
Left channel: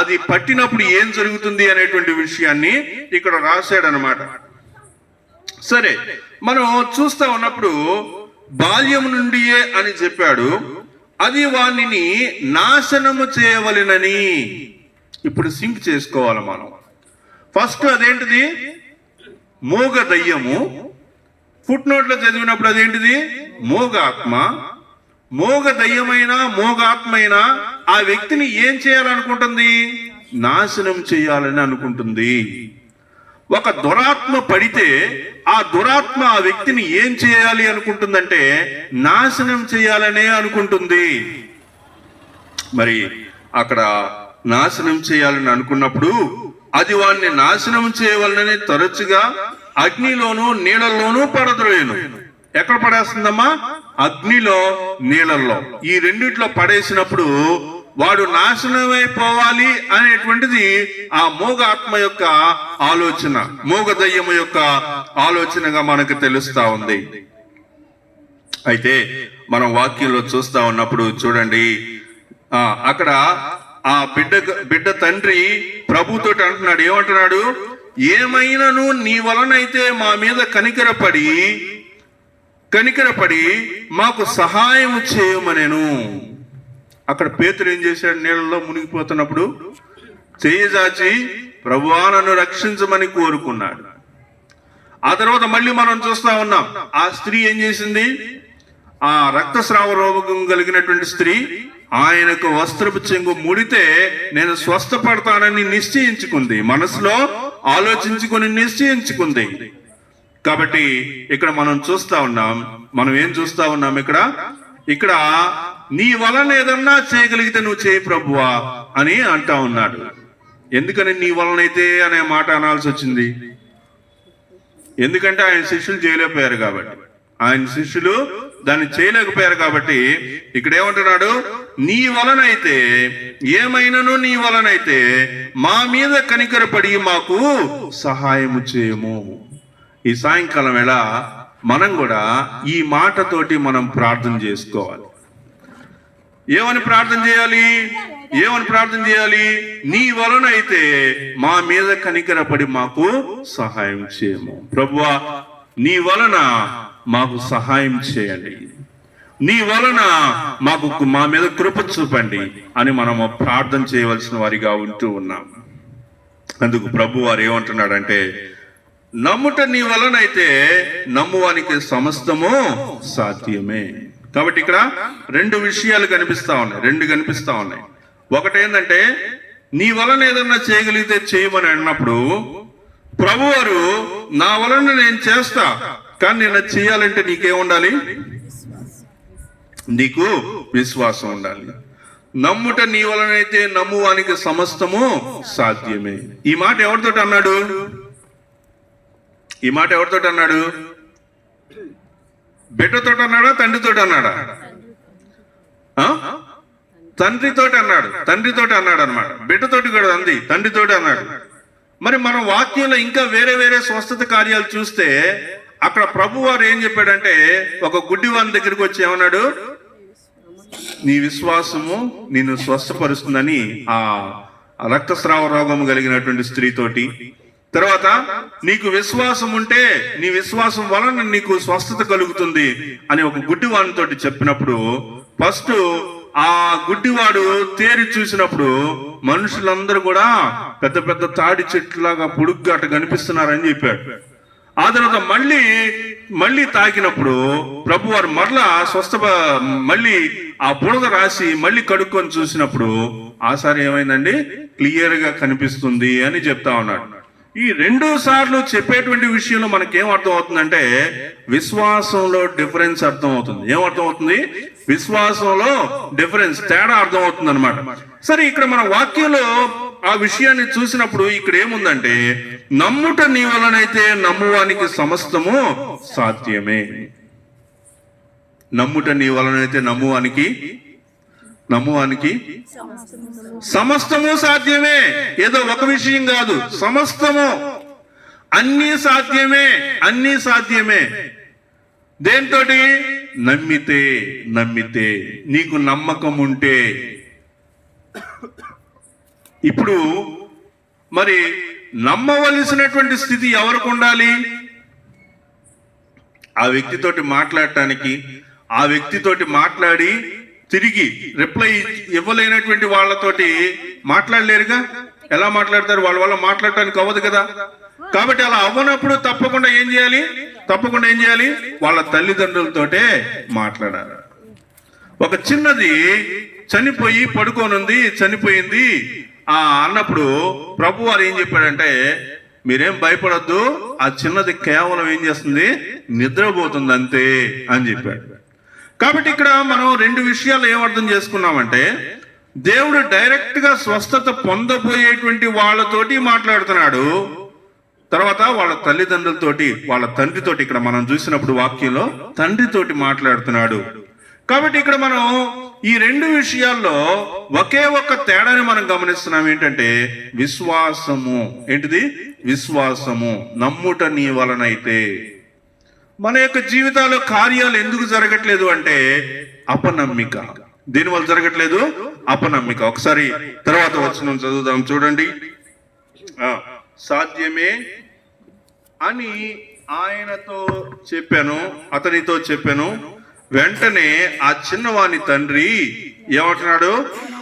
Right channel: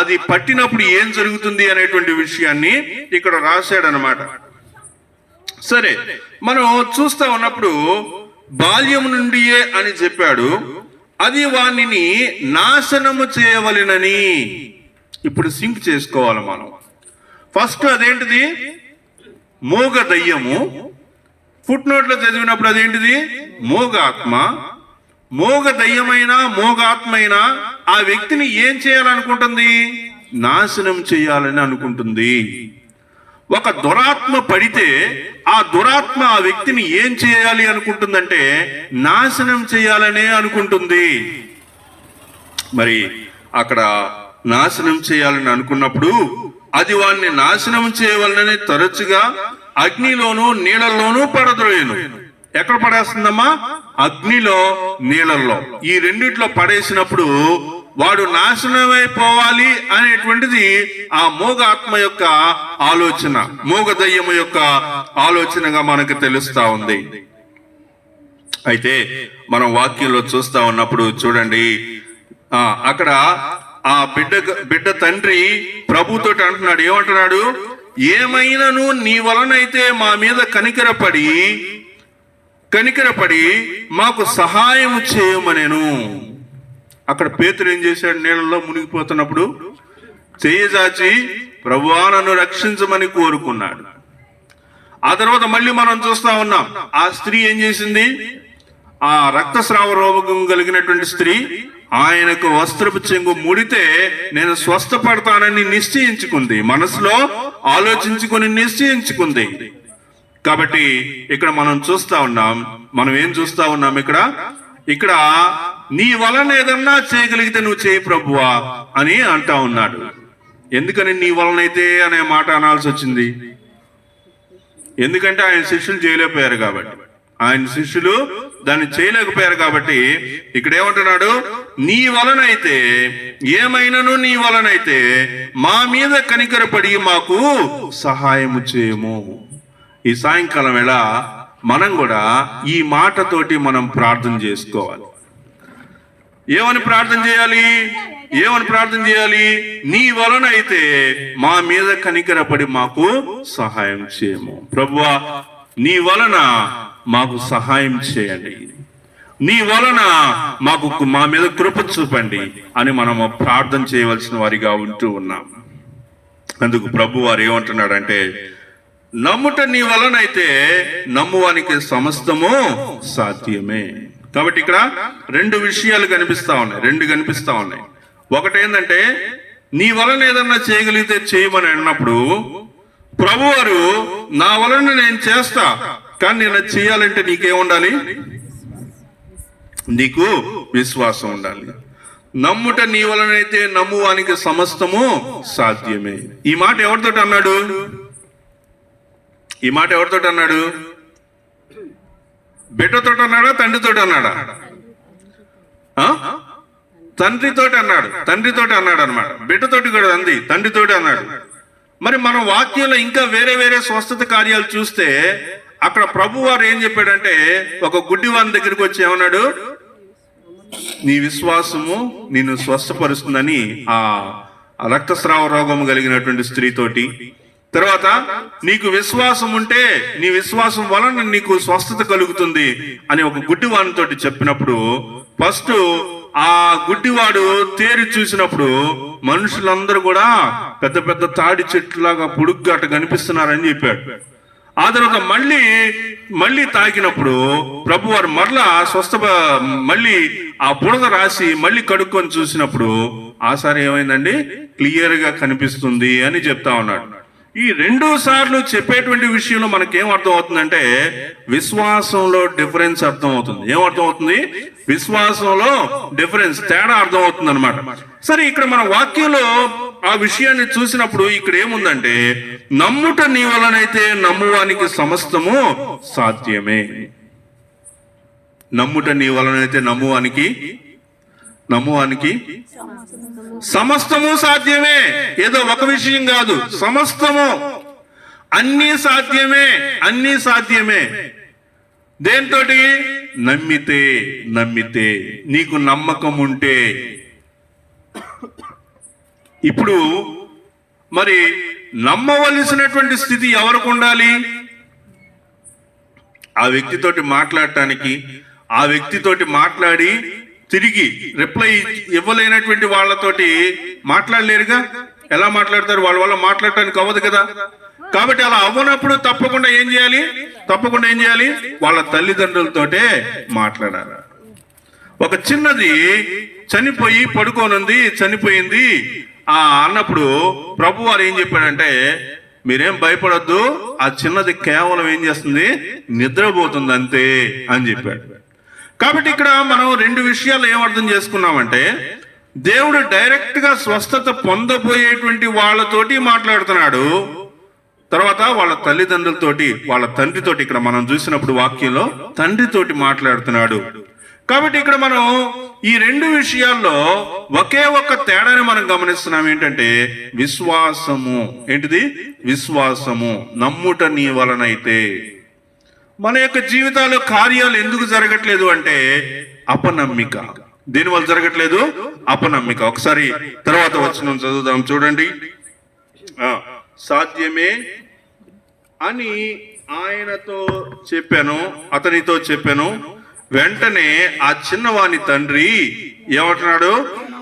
అది పట్టినప్పుడు ఏం జరుగుతుంది అనేటువంటి విషయాన్ని ఇక్కడ రాశాడనమాట. సరే, మనం చూస్తా ఉన్నప్పుడు బాల్యం నుండియే అని చెప్పాడు. అది వాణ్ణిని నాశనము చేయవలెనని. ఇప్పుడు సింక్ చేసుకోవాలి మనం. ఫస్ట్ అదేంటిది? మోగ దయ్యము. ఫుట్ నోట్ లో చదివినప్పుడు అదేంటిది? మోగాత్మ. మోగ దయ్యమైనా మోగాత్మైనా ఆ వ్యక్తిని ఏం చేయాలనుకుంటుంది? నాశనం చేయాలని అనుకుంటుంది. ఒక దురాత్మ పడితే ఆ దురాత్మ ఆ వ్యక్తిని ఏం చేయాలి అనుకుంటుందంటే నాశనం చేయాలనే అనుకుంటుంది. మరి అక్కడ నాశనం చేయాలని అనుకున్నప్పుడు అది వాడిని నాశనం చేయవలనని తరచుగా అగ్నిలోను నీళ్ళల్లోనూ పడద్రోయను. ఎక్కడ పడేస్తుందమ్మా? అగ్నిలో, నీళ్ళల్లో. ఈ రెండిట్లో పడేసినప్పుడు వాడు నాశనమైపోవాలి అనేటువంటిది ఆ మోగ ఆత్మ యొక్క ఆలోచన, మోగ దయ్యము యొక్క ఆలోచనగా మనకు తెలుస్తా ఉంది. అయితే మనం వాక్యంలో చూస్తా ఉన్నప్పుడు చూడండి, అక్కడ ఆ బిడ్డ తండ్రి ప్రభుతో అంటున్నాడు. ఏమంటున్నాడు? ఏమైనాను నీ వలనైతే మా మీద కనికరపడి మాకు సహాయం చేయమనేను. అక్కడ పేతురు ఏం చేశాడు? నీళ్ళలో మునిగిపోతున్నప్పుడు చేయజాచి ప్రభువా నన్ను రక్షించమని కోరుకున్నాడు. ఆ తర్వాత మళ్ళీ మనం చూస్తా ఉన్నాం, ఆ స్త్రీ ఏం చేసింది? ఆ రక్తస్రావ రోగం కలిగినటువంటి స్త్రీ ఆయనకు వస్త్రపు చెంగు ముడితే నేను స్వస్థపడతానని నిశ్చయించుకుంది. మనసులో ఆలోచించుకుని నిశ్చయించుకుంది. కాబట్టి ఇక్కడ మనం చూస్తా ఉన్నాం, మనం ఏం చూస్తా ఉన్నాం? ఇక్కడ నీ వలన ఏదన్నా చేయగలిగితే నువ్వు చేయి ప్రభువా అని అంటా ఉన్నాడు. ఎందుకని నీ వలనైతే అనే మాట అనాల్సి వచ్చింది? ఎందుకంటే ఆయన శిష్యులు చేయలేకపోయారు కాబట్టి, ఆయన శిష్యులు దాన్ని చేయలేకపోయారు కాబట్టి ఇక్కడ ఏమంటున్నాడు? నీ వలనైతే, ఏమైనాను నీ వలనైతే మా మీద కనికరపడి మాకు సహాయము చేయము. ఈ సాయంకాలం వేళ మనం కూడా ఈ మాటతోటి మనం ప్రార్థన చేసుకోవాలి. ఏమని ప్రార్థన చేయాలి? నీ వలనైతే మా మీద కనికరపడి మాకు సహాయం చేయము. ప్రభువా నీ వలన మాకు సహాయం చేయండి, నీ వలన మా మీద కృప చూపండి అని మనము ప్రార్థన చేయవలసిన వారిగా ఉంటూ ఉన్నాం. అందుకు ప్రభు వారు ఏమంటున్నాడంటే, నమ్ముట నీ వలనైతే నమ్మువానికి సమస్తము సాధ్యమే. కాబట్టి ఇక్కడ రెండు విషయాలు కనిపిస్తా ఉన్నాయి. ఒకటి ఏంటంటే నీ వలన ఏదన్నా చేయగలిగితే చేయమని అన్నప్పుడు ప్రభువారు నా వలన నేను చేస్తా, కానీ నేను చేయాలంటే నీకేముండాలి? నీకు విశ్వాసం ఉండాలి. నమ్ముట నీ వలనైతే నమ్మువానికి సమస్తము సాధ్యమే. ఈ మాట ఎవరితోటి అన్నాడు? బిడ్డతో అన్నాడా? తండ్రితో అన్నాడా? తండ్రితో అన్నాడు అనమాట. బిడ్డతోటి కూడా అంది, తండ్రితోటి అన్నాడు. మరి మన వాక్యంలో ఇంకా వేరే స్వస్థత కార్యాలు చూస్తే అక్కడ ప్రభు వారు ఏం చెప్పాడంటే, ఒక గుడ్డివాని దగ్గరికి వచ్చి ఏమన్నాడు? నీ విశ్వాసము నిన్ను స్వస్థపరుస్తుందని ఆ రక్తస్రావ రోగం కలిగినటువంటి స్త్రీతోటి, తర్వాత నీకు విశ్వాసం ఉంటే నీ విశ్వాసం వలన నీకు స్వస్థత కలుగుతుంది అని ఒక గుడ్డివానితో చెప్పినప్పుడు ఫస్ట్ ఆ గుడ్డివాడు తేరి చూసినప్పుడు మనుషులందరూ కూడా పెద్ద పెద్ద తాడి చెట్టులాగా పొడుగ్గా అట్ట కనిపిస్తున్నారని చెప్పాడు. ఆ తర్వాత మళ్ళీ తాకినప్పుడు ప్రభు వారు మళ్ళీ ఆ బురద రాసి మళ్ళీ కడుక్కొని చూసినప్పుడు ఆసారి ఏమైందండి, క్లియర్ గా కనిపిస్తుంది అని చెప్తా ఉన్నాడు. ఈ 2 సార్లు చెప్పేటువంటి విషయంలో మనకేం అర్థం అవుతుందంటే విశ్వాసంలో డిఫరెన్స్ అర్థం అవుతుంది. ఏమర్థం అవుతుంది? విశ్వాసంలో డిఫరెన్స్, తేడా అర్థం అవుతుంది అనమాట. సరే, ఇక్కడ మన వాక్యంలో ఆ విషయాన్ని చూసినప్పుడు ఇక్కడ ఏముందంటే నమ్ముట నీ వలనైతే నమ్మువానికి సమస్తము సాధ్యమే. నమ్ముట నీ వలనైతే నమ్మువానికి సమస్తము సాధ్యమే. ఏదో ఒక విషయం కాదు, సమస్తము, అన్ని సాధ్యమే. దేంతోటి? నమ్మితే నీకు నమ్మకం ఉంటే. ఇప్పుడు మరి నమ్మవలసినటువంటి స్థితి ఎవరికి ఉండాలి? ఆ వ్యక్తితోటి మాట్లాడటానికి, ఆ వ్యక్తితోటి మాట్లాడి తిరిగి రిప్లై ఇవ్వలేనటువంటి వాళ్ళతోటి మాట్లాడలేరుగా. ఎలా మాట్లాడతారు? వాళ్ళ వల్ల మాట్లాడటానికి అవ్వదు కదా. కాబట్టి అలా అవ్వనప్పుడు తప్పకుండా ఏం చేయాలి? వాళ్ళ తల్లిదండ్రులతోటే మాట్లాడాలి. ఒక చిన్నది చనిపోయి పడుకోనుంది, చనిపోయింది అన్నప్పుడు ప్రభు వారు ఏం చెప్పాడంటే మీరేం భయపడొద్దు, ఆ చిన్నది కేవలం ఏం చేస్తుంది? నిద్రపోతుంది అంతే అని చెప్పాడు. కాబట్టి ఇక్కడ మనం 2 విషయాలు ఏం అర్థం చేసుకున్నామంటే దేవుడు డైరెక్ట్ గా స్వస్థత పొందబోయేటువంటి వాళ్ళతోటి మాట్లాడుతున్నాడు, తర్వాత వాళ్ళ తల్లిదండ్రులతోటి, వాళ్ళ తండ్రితోటి, ఇక్కడ మనం చూసినప్పుడు వాక్యంలో తండ్రితోటి మాట్లాడుతున్నాడు. కాబట్టి ఇక్కడ మనం ఈ 2 విషయాల్లో ఒకే ఒక్క తేడాని మనం గమనిస్తున్నాం. ఏంటంటే విశ్వాసము. ఏంటిది? విశ్వాసము. నమ్ముట నీ వలనైతే. మన యొక్క జీవితాల్లో కార్యాలు ఎందుకు జరగట్లేదు అంటే అపనమ్మిక. దేనివల్ల జరగట్లేదు? అపనమ్మిక. ఒకసారి తర్వాత వచనం చదువుదాం, చూడండి. సాధ్యమే అని అతనితో చెప్పాను. వెంటనే ఆ చిన్నవాని తండ్రి ఏమంటున్నాడు?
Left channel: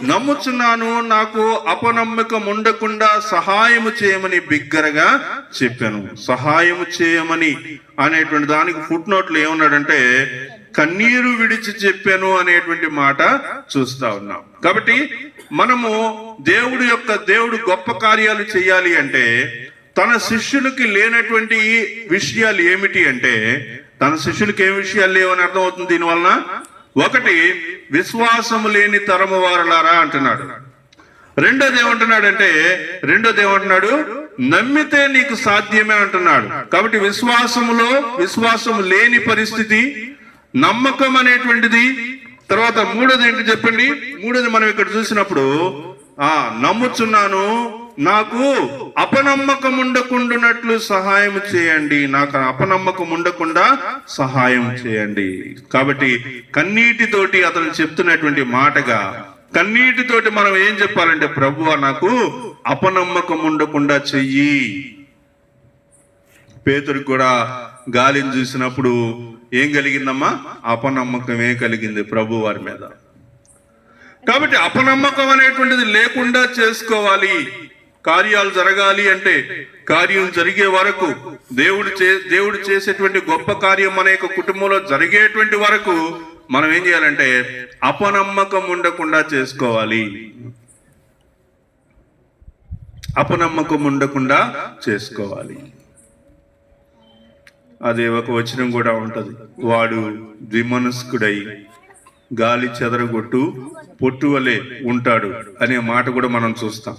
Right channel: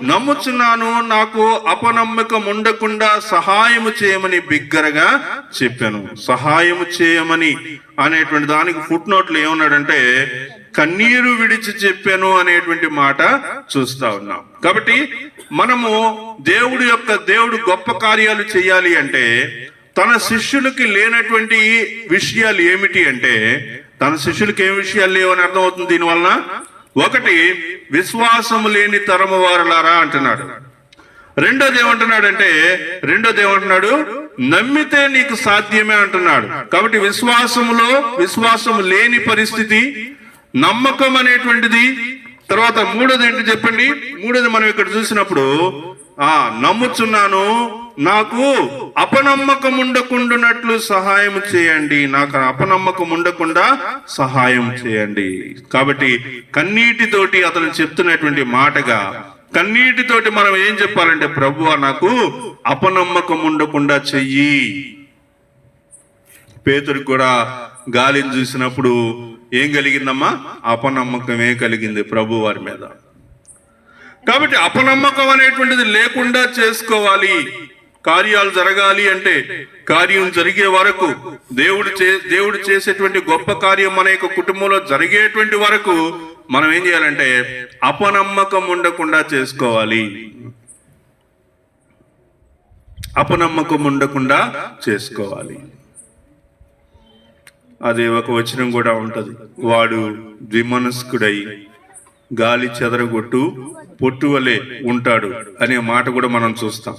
నమ్ముచున్నాను, నాకు అపనమ్మకం ఉండకుండా సహాయము చేయమని బిగ్గరగా చెప్పాను. సహాయము చేయమని అనేటువంటి దానికి ఫుట్ నోట్లు ఏమన్నాడంటే కన్నీరు విడిచి చెప్పాను అనేటువంటి మాట చూస్తా ఉన్నాం. కాబట్టి మనము దేవుడు గొప్ప కార్యాలు చేయాలి అంటే తన శిష్యులకి లేనటువంటి విషయాలు ఏమిటి అంటే, తన శిష్యులకి ఏం విషయాలు లేవని అర్థం అవుతుంది దీనివలన. ఒకటి, విశ్వాసము లేని తరము వారలారా అంటున్నాడు. రెండోది ఏమంటున్నాడు? నమ్మితే నీకు సాధ్యమే అంటున్నాడు. కాబట్టి విశ్వాసము లేని పరిస్థితి, నమ్మకం అనేటువంటిది. తర్వాత మూడోది ఏంటి చెప్పండి? మూడోది మనం ఇక్కడ చూసినప్పుడు నమ్ముచున్నాను, నాకు అపనమ్మకం ఉండకుండానట్లు సహాయం చేయండి. నాకు అపనమ్మకం ఉండకుండా సహాయం చేయండి. కాబట్టి కన్నీటితోటి అతను చెప్తున్నటువంటి మాటగా, కన్నీటితోటి మనం ఏం చెప్పాలంటే ప్రభువా నాకు అపనమ్మకం ఉండకుండా చెయ్యి. పేతురుకు కూడా గాలిని చూసినప్పుడు ఏం కలిగిందమ్మా? అపనమ్మకమే కలిగింది ప్రభు వారి మీద. కాబట్టి అపనమ్మకం అనేటువంటిది లేకుండా చేసుకోవాలి. కార్యాలు జరగాలి అంటే, కార్యం జరిగే వరకు, దేవుడు చేసేటువంటి గొప్ప కార్యం మన యొక్క కుటుంబంలో జరిగేటువంటి వరకు మనం ఏం చేయాలంటే అపనమ్మకం ఉండకుండా చేసుకోవాలి. అపనమ్మకం ఉండకుండా చేసుకోవాలి. అదే ఒక వచనం కూడా ఉంటది, వాడు ద్విమనస్కుడై గాలి చెదరగొట్టు పొట్టువలే ఉంటాడు అనే మాట కూడా మనం చూస్తాం.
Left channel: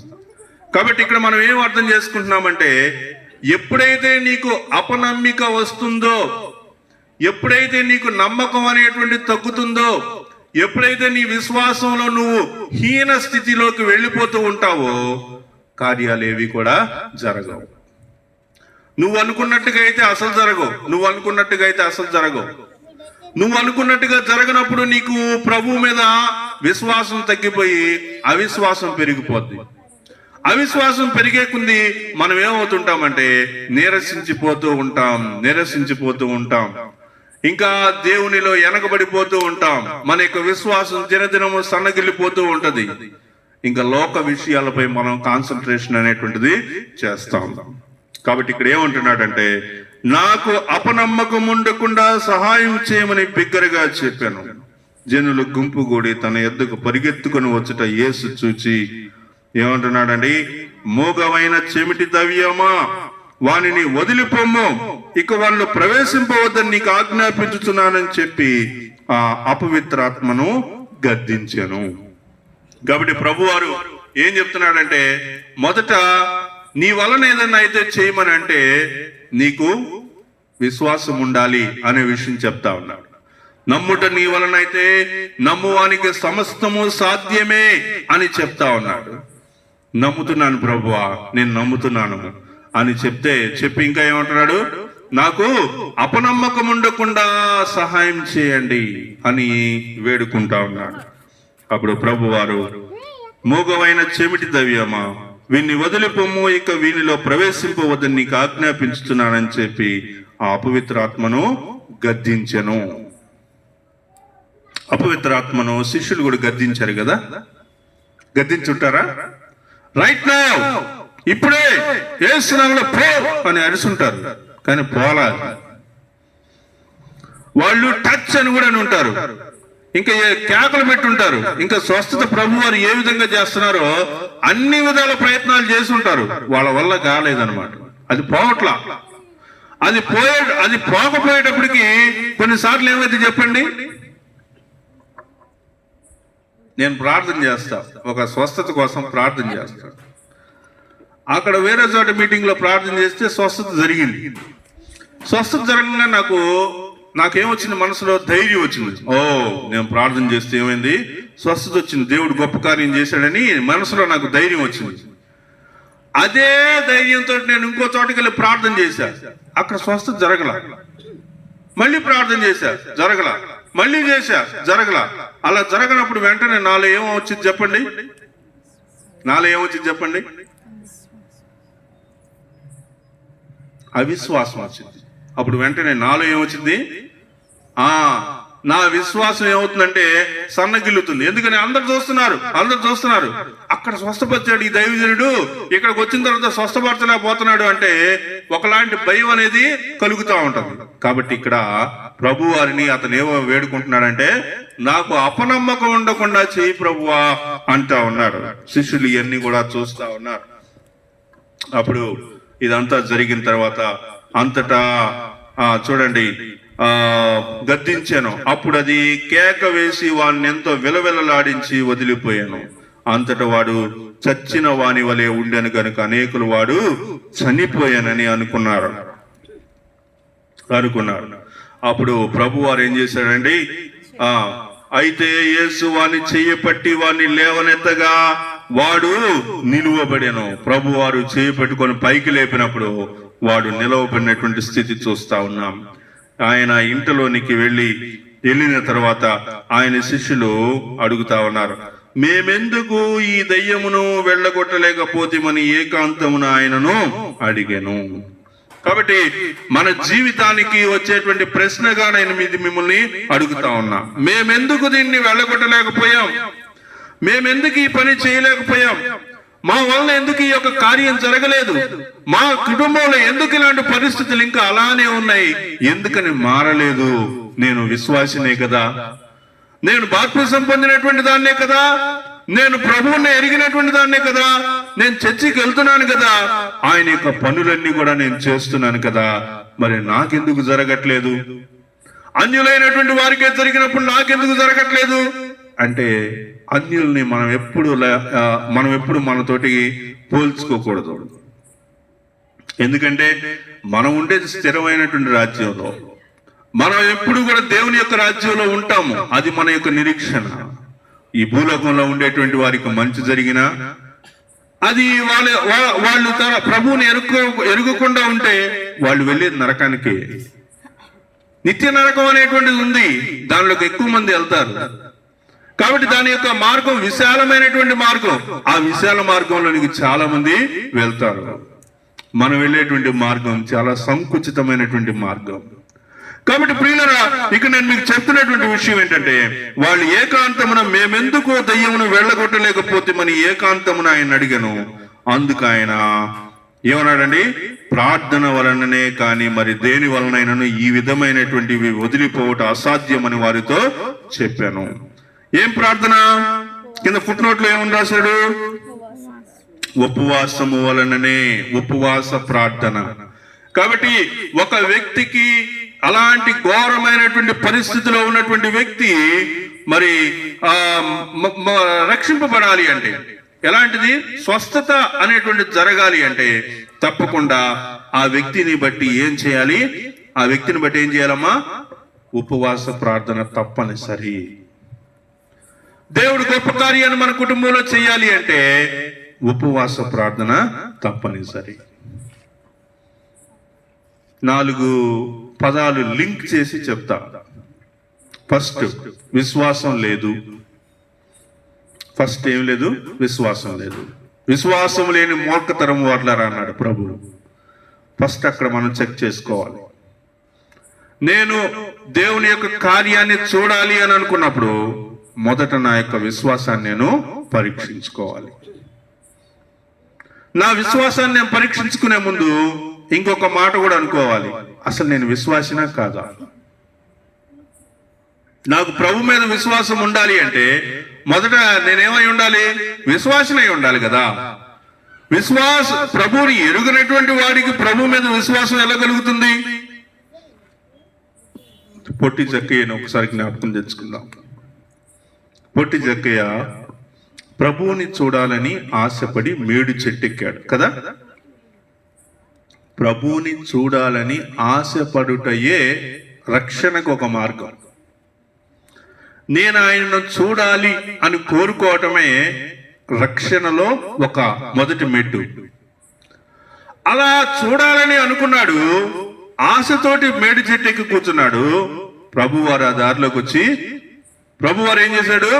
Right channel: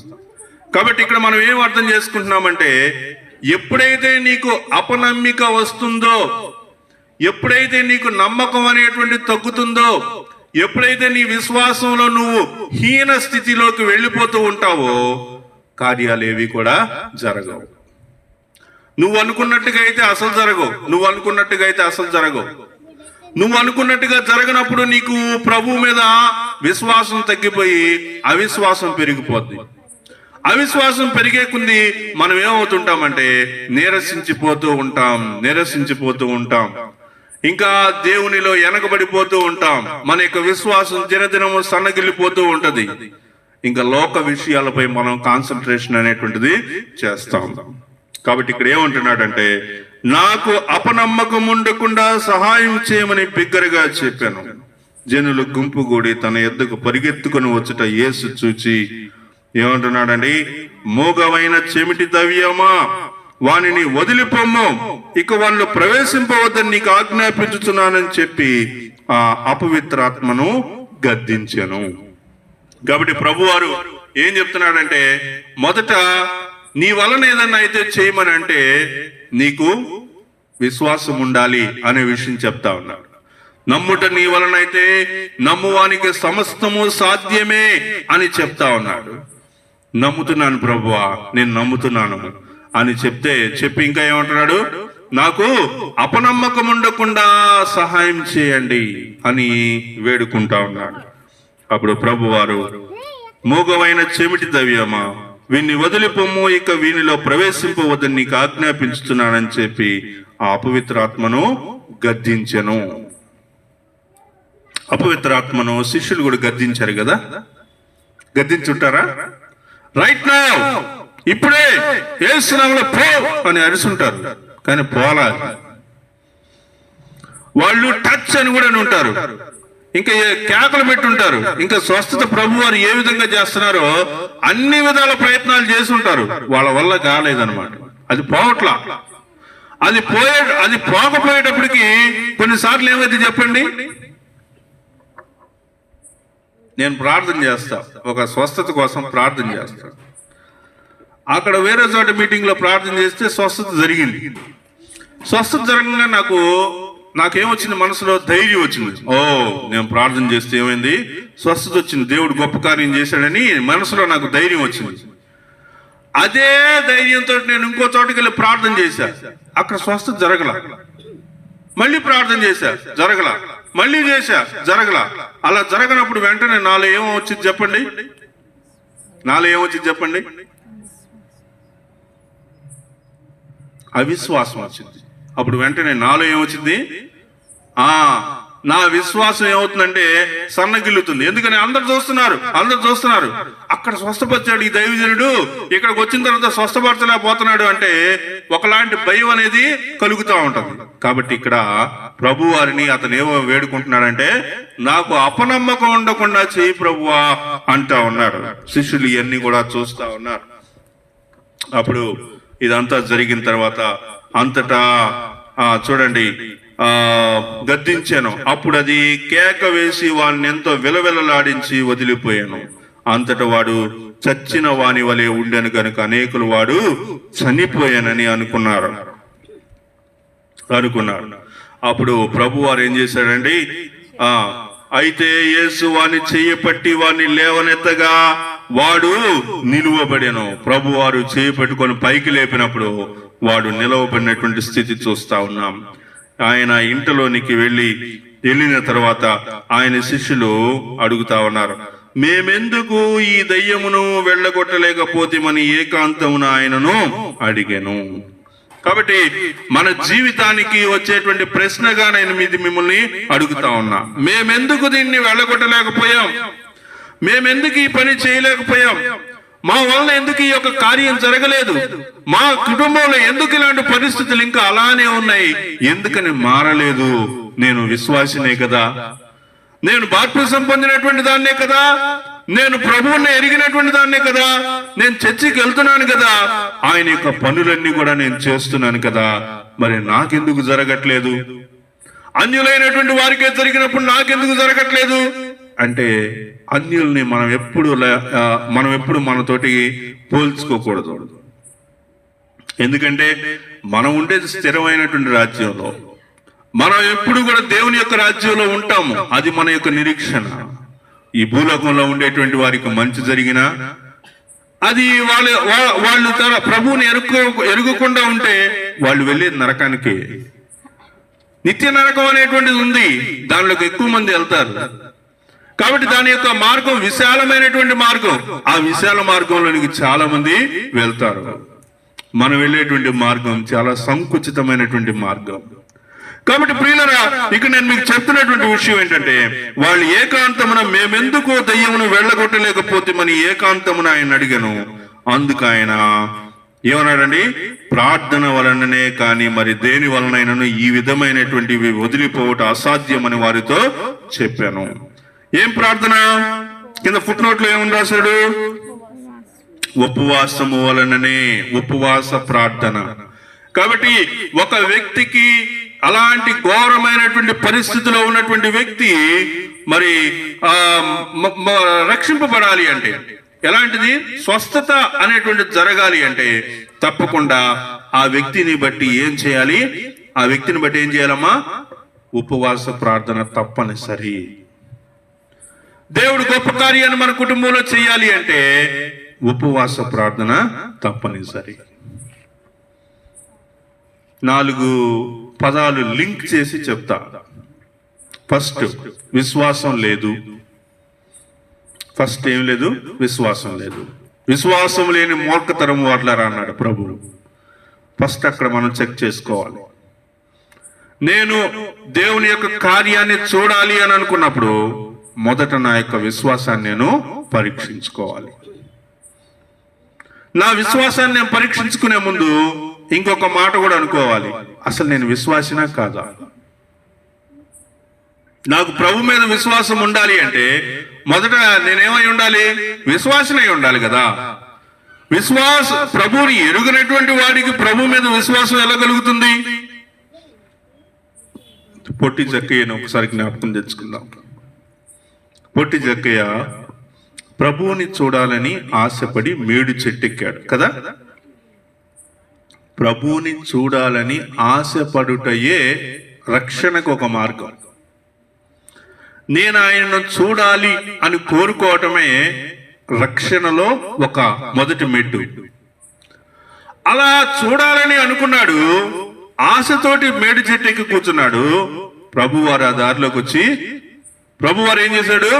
కాబట్టి ఇక్కడ మనం ఏం అర్థం చేసుకుంటున్నామంటే, ఎప్పుడైతే నీకు అపనమ్మిక వస్తుందో, ఎప్పుడైతే నీకు నమ్మకం అనేటువంటి తగ్గుతుందో, ఎప్పుడైతే నీ విశ్వాసంలో నువ్వు హీన స్థితిలోకి వెళ్ళిపోతూ ఉంటావో కార్యాలేవి కూడా జరగవు. నువ్వు అనుకున్నట్టుగా అయితే అసలు జరగవు. నువ్వు అనుకున్నట్టుగా జరగనప్పుడు నీకు ప్రభు మీద విశ్వాసం తగ్గిపోయి అవిశ్వాసం పెరిగిపోద్ది. అవిశ్వాసం పెరిగే కొద్దీ మనం ఏమవుతుంటామంటే నీరసించిపోతూ ఉంటాం. ఇంకా దేవునిలో వెనకబడిపోతూ ఉంటాం. మన యొక్క విశ్వాసం దినదినము సన్నగిల్లిపోతూ ఉంటది. ఇంకా లోక విషయాలపై మనం కాన్సన్ట్రేషన్ అనేటువంటిది చేస్తా ఉంటాం. కాబట్టి ఇక్కడ ఏమంటున్నాడంటే, నాకు అపనమ్మకం ఉండకుండా సహాయం చేయమని బిగ్గరగా చెప్పాను. జనులు గుంపు కూడి తన ఎద్దుకు పరిగెత్తుకుని వచ్చుట యేసు చూచి ఏమంటున్నాడండి, మూగవైన చెమిటి దవ్యమా, వానిని వదిలిపోమ్ము, ఇక వాళ్ళు ప్రవేశింపవద్దని నీకు ఆజ్ఞాపించుతున్నానని చెప్పి ఆ అపవిత్రాత్మను గద్దించాను. కాబట్టి ప్రభువారు ఏం చెప్తున్నాడంటే, మొదట నీ వలన ఏదన్నా అయితే చేయమని అంటే నీకు విశ్వాసం ఉండాలి అనే విషయం చెప్తా ఉన్నాడు. నమ్ముట నీ వలన అయితే నమ్మువానికి సమస్తము సాధ్యమే అని చెప్తా ఉన్నాడు. నమ్ముతున్నాను ప్రభువా, నేను నమ్ముతున్నాను అని చెప్పి ఇంకా ఏమంటున్నాడు, నాకు అపనమ్మకం ఉండకుండా సహాయం చేయండి అని వేడుకుంటా ఉన్నాడు. అప్పుడు ప్రభువారు, మూగవైన చెమిటి దవ్యమా, వీన్ని వదిలిపోము, ఇక వీనిలో ప్రవేశింపవద్దని నీకు ఆజ్ఞాపించుతున్నానని చెప్పి ఆ అపవిత్రాత్మను గద్దించెను. అపవిత్రాత్మను శిష్యులు కూడా గద్దించారు కదా, గద్దించుంటారా? రైట్ నౌ, ఇప్పుడే యేసు నామములో పో అని అరుసుంటారు, కానీ పోలా. వాళ్ళు టచ్ అని కూడా ఉంటారు, ఇంకా కేకలు పెట్టుంటారు. ఇంకా స్వస్థత ప్రభు వారు ఏ విధంగా చేస్తున్నారో అన్ని విధాల ప్రయత్నాలు చేసి ఉంటారు, వాళ్ళ వల్ల కాలేదన్నమాట. అది పోవట్లా. అది పోకపోయేటప్పటికి కొన్నిసార్లు ఏమైతే చెప్పండి, నేను ప్రార్థన చేస్తా, ఒక స్వస్థత కోసం ప్రార్థన చేస్తా. అక్కడ వేరే చోట మీటింగ్ లో ప్రార్థన చేస్తే స్వస్థత జరిగింది. స్వస్థత జరగగానే నాకేమొచ్చింది, మనసులో ధైర్యం వచ్చింది. నేను ప్రార్థన చేస్తే ఏమైంది, స్వస్థత వచ్చింది, దేవుడు గొప్ప కార్యం చేశాడని మనసులో నాకు ధైర్యం వచ్చింది. అదే ధైర్యంతో నేను ఇంకో చోటకి వెళ్ళి ప్రార్థన చేశా, అక్కడ స్వస్థత జరగల. మళ్ళీ ప్రార్థన చేశా, జరగల. మళ్ళీ చేశా, జరగల. అలా జరగనప్పుడు వెంటనే నాలో ఏమొచ్చింది చెప్పండి, అవిశ్వాసం వచ్చింది. అప్పుడు వెంటనే నాలో ఏమొచ్చింది, నా విశ్వాసం ఏమవుతుందంటే సన్నగిల్లుతుంది. ఎందుకని అందరు చూస్తున్నారు. అక్కడ స్వస్థపరిచాడు ఈ దైవజనుడు, ఇక్కడికి వచ్చిన తర్వాత స్వస్థపరచలేకపోతున్నాడు అంటే ఒకలాంటి భయం అనేది కలుగుతూ ఉంటుంది. కాబట్టి ఇక్కడ ప్రభు వారిని అతను ఏమో వేడుకుంటున్నాడంటే, నాకు అపనమ్మకం ఉండకుండా చేయి ప్రభువా అంటా ఉన్నాడు. శిష్యులు ఇవన్నీ కూడా చూస్తా ఉన్నారు. అప్పుడు ఇదంతా జరిగిన తర్వాత అంతటా చూడండి, గద్దించాను. అప్పుడు అది కేక వేసి వాడిని ఎంతో విలవిలలాడించి వదిలిపోయాను. అంతటా వాడు చచ్చిన వాని వలె ఉండెను కనుక అనేకులు వాడు చనిపోయానని అనుకున్నారు. అప్పుడు ప్రభు వారు ఏం చేశాడండి, అయితే యేసు వాని చెయ్యి పట్టి వాడిని లేవనెత్తగా వాడు నిలువబడెను. ప్రభు వారు చేయి పట్టుకొని పైకి లేపినప్పుడు వాడు నిలవబడినటువంటి స్థితి చూస్తా ఉన్నాం. ఆయన ఇంటిలోనికి వెళ్ళిన తర్వాత ఆయన శిష్యులు అడుగుతా ఉన్నారు, మేమెందుకు ఈ దయ్యమును వెళ్ళగొట్టలేకపోతేమని ఏకాంతమున ఆయనను అడిగాను. కాబట్టి మన జీవితానికి వచ్చేటువంటి ప్రశ్నగా నేను మిమ్మల్ని అడుగుతా ఉన్నా, మేమెందుకు దీన్ని వెళ్ళగొట్టలేకపోయాం, మేమెందుకు ఈ పని చేయలేకపోయాం, మా వలన ఎందుకు ఈ యొక్క కార్యం జరగలేదు, మా కుటుంబంలో ఎందుకు ఇలాంటి పరిస్థితులు ఇంకా అలానే ఉన్నాయి, ఎందుకని మారలేదు? నేను విశ్వాసినే కదా, నేను బాప్తిసం పొందినటువంటి దాన్నే కదా, నేను ప్రభువుని ఎరిగినటువంటి దాన్నే కదా, నేను చర్చికి వెళ్తున్నాను కదా, ఆయన యొక్క పనులన్నీ కూడా నేను చేస్తున్నాను కదా, మరి నాకెందుకు జరగట్లేదు? అన్యులైనటువంటి వారికే జరిగినప్పుడు నాకెందుకు జరగట్లేదు అంటే, అన్యుల్ని మనం ఎప్పుడు మనతోటి పోల్చుకోకూడదు. ఎందుకంటే మనం ఉండేది స్థిరమైనటువంటి రాజ్యంలో, మనం ఎప్పుడు కూడా దేవుని యొక్క రాజ్యంలో ఉంటాము. అది మన యొక్క నిరీక్షణ. ఈ భూలోకంలో ఉండేటువంటి వారికి మంచి జరిగినా అది వాళ్ళు తన ప్రభువుని ఎరుగకుండా ఉంటే వాళ్ళు వెళ్ళేది నరకానికి. నిత్య నరకం అనేటువంటిది ఉంది, దానిలోకి ఎక్కువ మంది వెళ్తారు. కాబట్టి దాని యొక్క మార్గం విశాలమైనటువంటి మార్గం. ఆ విశాల మార్గంలోనికి చాలా మంది వెళ్తారు. మనం వెళ్ళేటువంటి మార్గం చాలా సంకుచితమైనటువంటి మార్గం. కాబట్టి ప్రియులరా, ఇక నేను మీకు చెప్తున్నటువంటి విషయం ఏంటంటే, వాళ్ళు ఏకాంతమున మేమెందుకో దయ్యమును వెళ్ళగొట్టలేకపోతే మన ఏకాంతమున ఆయన అడిగాను. అందుకు ఆయన ఏమన్నాడండి, ప్రార్థన వలననే కానీ మరి దేని వలనైనాను ఈ విధమైనటువంటివి వదిలిపోవటం అసాధ్యమని వారితో చెప్పాను. ఏం ప్రార్థన? కింద ఫుట్ నోట్లో ఏమని రాశాడు? ఉపవాసము వలననే, ఉపవాస ప్రార్థన. కాబట్టి ఒక వ్యక్తికి అలాంటి ఘోరమైనటువంటి పరిస్థితిలో ఉన్నటువంటి వ్యక్తి మరి రక్షింపబడాలి అంటే ఎలాంటిది? స్వస్థత అనేటువంటి జరగాలి అంటే తప్పకుండా ఆ వ్యక్తిని బట్టి ఏం చేయాలి? ఆ వ్యక్తిని బట్టి ఏం చేయాలమ్మా? ఉపవాస ప్రార్థన తప్పనిసరి. దేవుడు గొప్ప కార్యాన్ని మన కుటుంబంలో చేయాలి అంటే ఉపవాస ప్రార్థన తప్పనిసరి. 4 పదాలు లింక్ చేసి చెప్తా. ఫస్ట్, విశ్వాసం లేదు. ఫస్ట్ ఏం లేదు? విశ్వాసం లేదు. విశ్వాసం లేని మూర్ఖతరం వాట్లారా అన్నాడు ప్రభు. ఫస్ట్ అక్కడ మనం చెక్ చేసుకోవాలి. నేను దేవుని యొక్క కార్యాన్ని చూడాలి అని అనుకున్నప్పుడు మొదట నా యొక్క విశ్వాసాన్ని నేను పరీక్షించుకోవాలి. నా విశ్వాసాన్ని నేను పరీక్షించుకునే ముందు ఇంకొక మాట కూడా అనుకోవాలి, అసలు నేను విశ్వాసినా కాదా? నాకు ప్రభు మీద విశ్వాసం ఉండాలి అంటే మొదట నేనేమై ఉండాలి? విశ్వాసనై ఉండాలి కదా. ప్రభువుని ఎరుగనటువంటి వాడికి ప్రభు మీద విశ్వాసం ఎలా కలుగుతుంది? పొట్టి జక్కయ్యను ఒకసారి జ్ఞాపకం తెచ్చుకుందాం. పొట్టి జక్కయ్య ప్రభువుని చూడాలని ఆశపడి మేడు చెట్టెక్కాడు కదా. ప్రభువుని చూడాలని ఆశపడుటయే రక్షణకు ఒక మార్గం. నేను ఆయనను చూడాలి అని కోరుకోవటమే రక్షణలో ఒక మొదటి మెట్టు. అలా చూడాలని అనుకున్నాడు, ఆశతోటి మేడు చెట్టెక్కి కూర్చున్నాడు. ప్రభువారు ఆ దారిలోకి వచ్చి ప్రభువారు ఏం చేశాడు?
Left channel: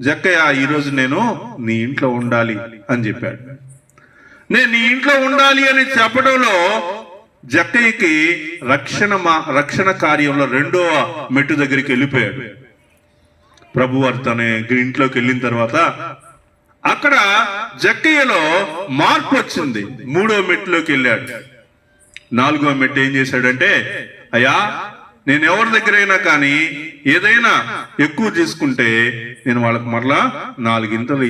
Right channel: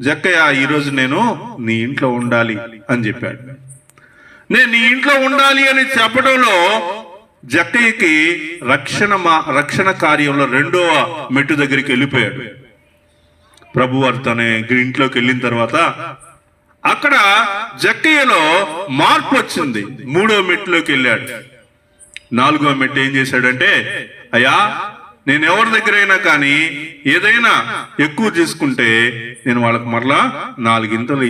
జక్కయ్య, ఈరోజు నేను నీ ఇంట్లో ఉండాలి అని చెప్పాడు. నేను నీ ఇంట్లో ఉండాలి అని చెప్పడంలో జక్కయ్యకి రక్షణ కార్యంలో 2వ మెట్టు దగ్గరికి వెళ్ళిపోయాడు. ప్రభువారు తన ఇంట్లోకి వెళ్ళిన తర్వాత అక్కడ జక్కయ్యలో మార్పు వచ్చింది. 3వ మెట్టులోకి వెళ్ళాడు. 4వ మెట్టు ఏం చేశాడంటే, అయ్యా, నేను ఎవరి దగ్గర అయినా కానీ ఏదైనా ఎక్కువ తీసుకుంటే నేను వాళ్ళకి మరలా 4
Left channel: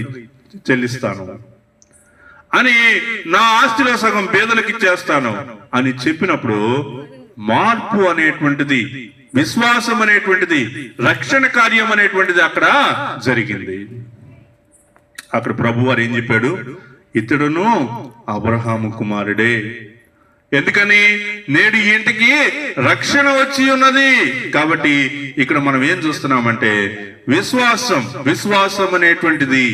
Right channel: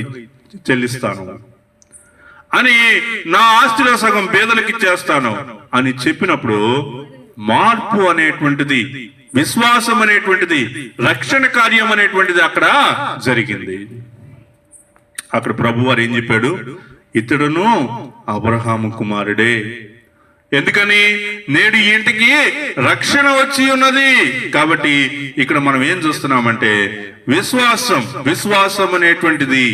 చెల్లిస్తాను అని, నా ఆస్తిలో సగం పేదలకు ఇచ్చేస్తాను అని చెప్పినప్పుడు మార్పు అనేటువంటిది, విశ్వాసం అనేటువంటిది, రక్షణ కార్యం అనేటువంటిది అక్కడ జరిగింది. అక్కడ ప్రభువారు ఏం చెప్పాడు? ఇతడును అబ్రహాము కుమారుడే. ఎందుకని? నేడు ఈ ఇంటికి రక్షణ వచ్చి ఉన్నది. కాబట్టి ఇక్కడ మనం ఏం చూస్తున్నామంటే విశ్వాసం అనేటువంటిది.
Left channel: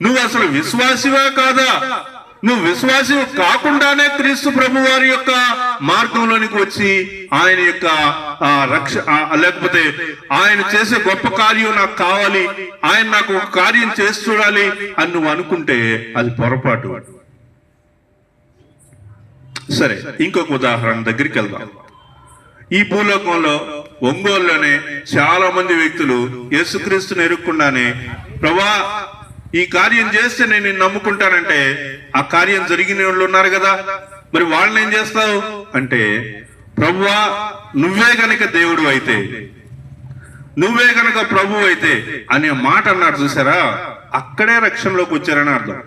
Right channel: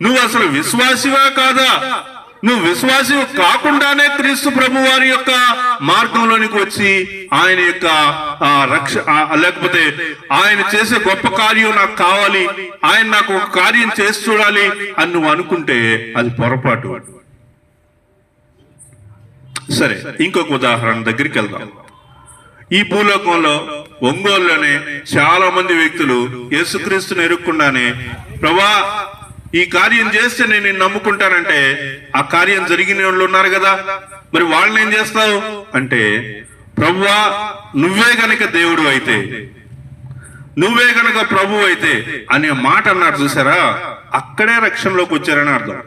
నువ్వు అసలు విశ్వాసివా కాదా? నువ్వు విశ్వాసి కాకుండానే క్రీస్తు ప్రభు వారి యొక్క మార్గంలోనికి వచ్చి ఆయన యొక్క లేకపోతే ఆయన చేసే గొప్ప కార్యం నాకు కావాలి, ఆయన నాకు ఒక కార్యం చేసి చూడాలి అని నువ్వు అనుకుంటే అది పొరపాటు. సరే, ఇంకొక ఉదాహరణ దగ్గరికి వెళ్దాం. ఈ భూలోకంలో ఒంగోలులోనే చాలా మంది వ్యక్తులు యేసుక్రీస్తుని ఎరుక్కుండానే, ప్రభా ఈ కార్యం చేస్తే నేను నిన్ను నమ్ముకుంటానంటే ఆ కార్యం జరిగిన వాళ్ళు ఉన్నారు కదా, మరి వాళ్ళని ఏం చేస్తావు అంటే, ప్రభువా నువ్వే గనక దేవుడు అయితే, నువ్వే గనక ప్రభు అయితే అనే మాట అన్నారు చూసారా, అక్కడే రక్షణలోకి వచ్చారని అర్థం.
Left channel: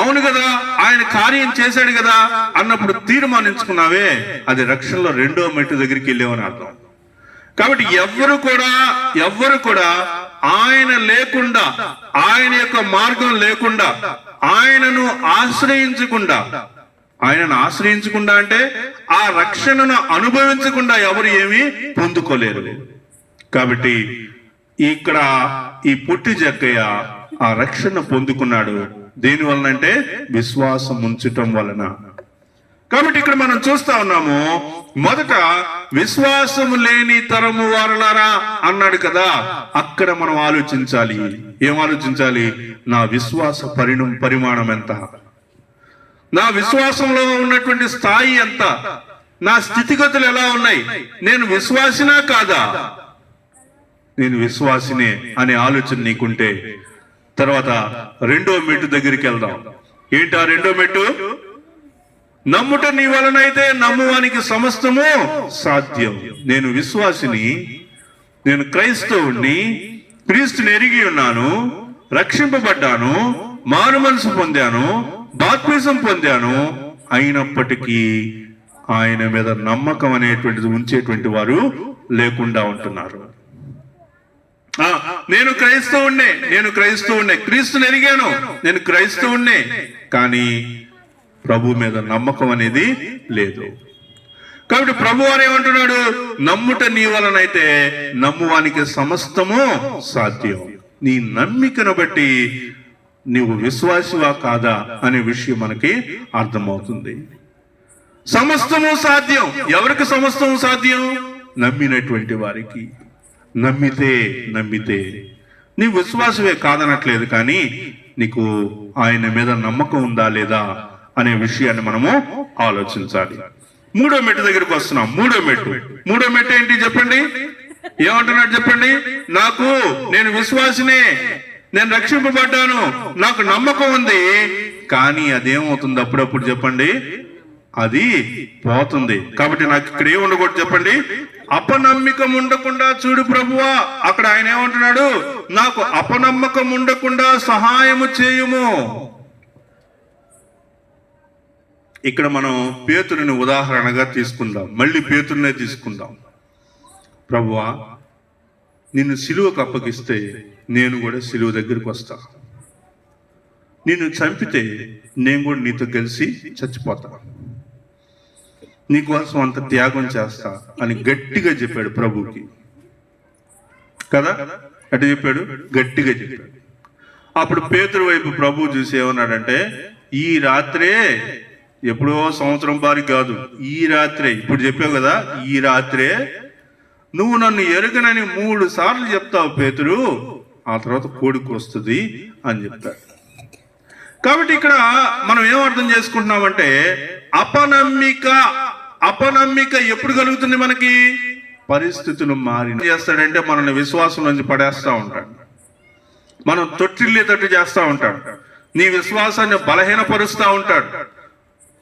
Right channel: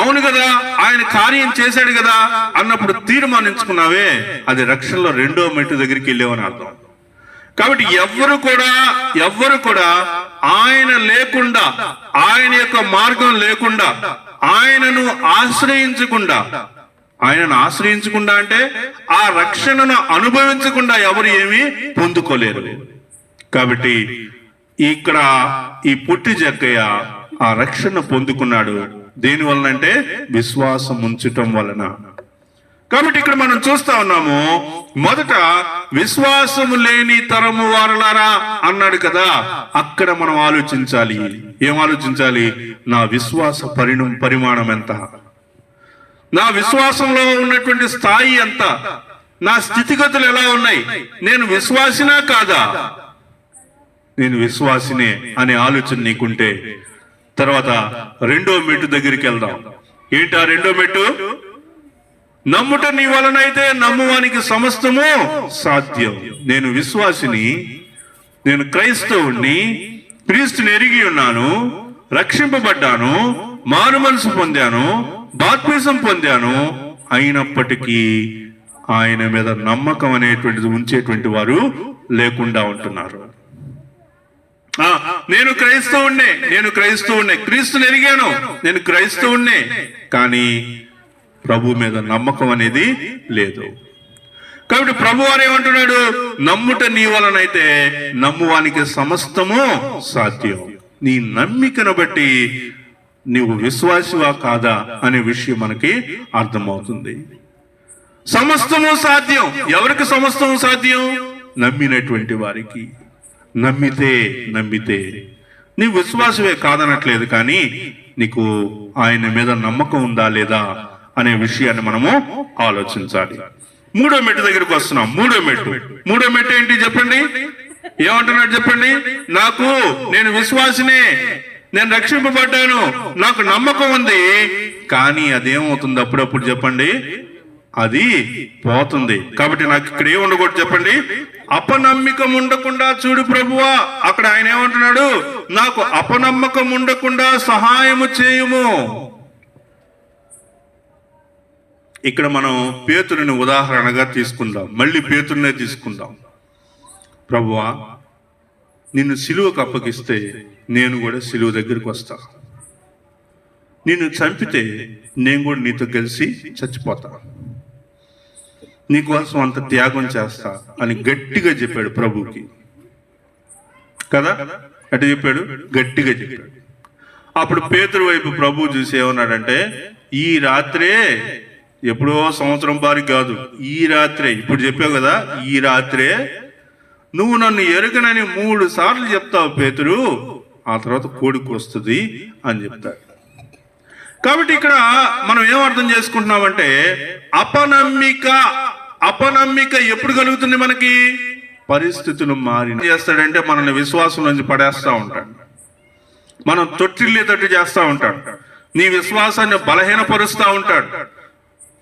అవును కదా, ఆయన కార్యం చేశాడు కదా అన్నప్పుడు తీర్మానించుకున్నావే, అది రక్షణలో 2వ మెట్టు దగ్గరికి వెళ్ళావని అర్థం. కాబట్టి ఎవ్వరు కూడా ఆయన లేకుండా, ఆయన యొక్క మార్గం లేకుండా, ఆయనను ఆశ్రయించకుండా అంటే ఆ రక్షణను అనుభవించకుండా ఎవరు ఏమీ పొందుకోలేరు. కాబట్టి ఇక్కడ ఈ పొట్టి జక్కయ్య ఆ రక్షణ పొందుకున్నాడు. దేని వలన అంటే విశ్వాసం ఉంచటం వలన. కాబట్టి ఇక్కడ మనం చూస్తా ఉన్నాము, మొదట విశ్వాసము లేని తరము వారలారా అన్నాడు కదా. అక్కడ మనం ఆలోచించాలి. ఏం ఆలోచించాలి? నా విశ్వాస పరిమాణం ఎంత, నా విశ్వాసంలో ఉన్నటువంటి స్థాయి ఎంత, నా స్థితిగతులు ఎలా ఉన్నాయి, నేను విశ్వాసినా కాదా? నేను విశ్వాసినే అనే ఆలోచన నీకుంటే తర్వాత రెండో మెట్టు దగ్గరికి వెళ్దాం. ఏంటా రెండో మెట్టు? నమ్ముట నీ వలనైతే నమ్మువానికి సమస్తము సాధ్యం. నేను విశ్వాసిని, నేను క్రైస్తవుణ్ణి, క్రీస్తుని ఎరిగి ఉన్నాను, రక్షింపబడ్డాను, మారు మనసు పొందాను, బాప్తిసం పొందాను. అయినప్పటికీ ఆయన మీద నమ్మకం అనేటువంటిది ఉంచేటువంటి వారు లేకుండా ఉంటున్నారు. నేను క్రైస్తవుణ్ణే, క్రీస్తుని ఎరిగాను, నేను క్రైస్తవుణ్ణే, కానీ ప్రభు మీద నమ్మకం అనేది లేదు. కాబట్టి ప్రభు వారు ఏమంటున్నాడు? నమ్ముట నీ వలనైతే నమ్మువానికి సమస్తము సాధ్యం. నీ నమ్మికను బట్టి నీవు విశ్వాసివా కాదా అనే విషయం మనకి అర్థమవుతుంది. సమస్తము సాధ్యం. ఎవరికి సమస్తము సాధ్యం? నమ్మినటువంటి వారికి. నమ్మితే నీ విశ్వాసమే కాదనట్లేదు, కానీ నీకు ఆయన మీద నమ్మకం ఉందా లేదా అనే విషయాన్ని మనము ఆలోచించాలి. మూడో మెట్టు దగ్గరకు వస్తున్నాం. మూడో మెట్టు ఏంటి చెప్పండి? ఏమంటున్నాడు చెప్పండి? నేను విశ్వాసినే, నేను రక్షింపబడ్డాను, నాకు నమ్మకం ఉంది, కానీ అదేమవుతుంది అప్పుడప్పుడు చెప్పండి? అది పోతుంది. కాబట్టి నాకు ఇక్కడ ఏం ఉండకూడదు చెప్పండి? అపనమ్మకం ఉండకుండా చూడు ప్రభువా. అక్కడ ఆయన ఏమంటున్నాడు? నాకు అపనమ్మకం ఉండకుండా సహాయము చేయుము. ఇక్కడ మనం పేతురుని ఉదాహరణగా తీసుకుందాం. మళ్ళీ పేతురునే తీసుకుందాం. ప్రభువా, నిన్ను సిలువకు అప్పగిస్తే నేను కూడా సిలువ దగ్గరికి వస్తా, నిన్ను చంపితే నేను కూడా నీతో కలిసి చచ్చిపోతా, నీకోసం అంత త్యాగం చేస్తా అని గట్టిగా చెప్పాడు ప్రభుకి కదా. అటు చెప్పాడు, గట్టిగా చెప్పాడు. అప్పుడు పేతురు వైపు ప్రభు చూసి ఏమన్నాడంటే, ఈ రాత్రే, ఎప్పుడో సంవత్సరం పారి కాదు, ఈ రాత్రే, ఇప్పుడు చెప్పావు కదా, ఈ రాత్రే నువ్వు నన్ను ఎరుగనని 3 సార్లు చెప్తావు పేతురు, ఆ తర్వాత కోడికి వస్తుంది అని చెప్తాడు. కాబట్టి ఇక్కడ మనం ఏం అర్థం చేసుకుంటున్నామంటే, అపనమ్మిక ఎప్పుడు కలుగుతుంది మనకి? పరిస్థితులు మారి చేస్తాడంటే మనల్ని విశ్వాసం నుంచి పడేస్తా ఉంటాడు, మనం తొట్టిల్లేటట్టు చేస్తా ఉంటాడు, నీ విశ్వాసాన్ని బలహీనపరుస్తూ ఉంటాడు.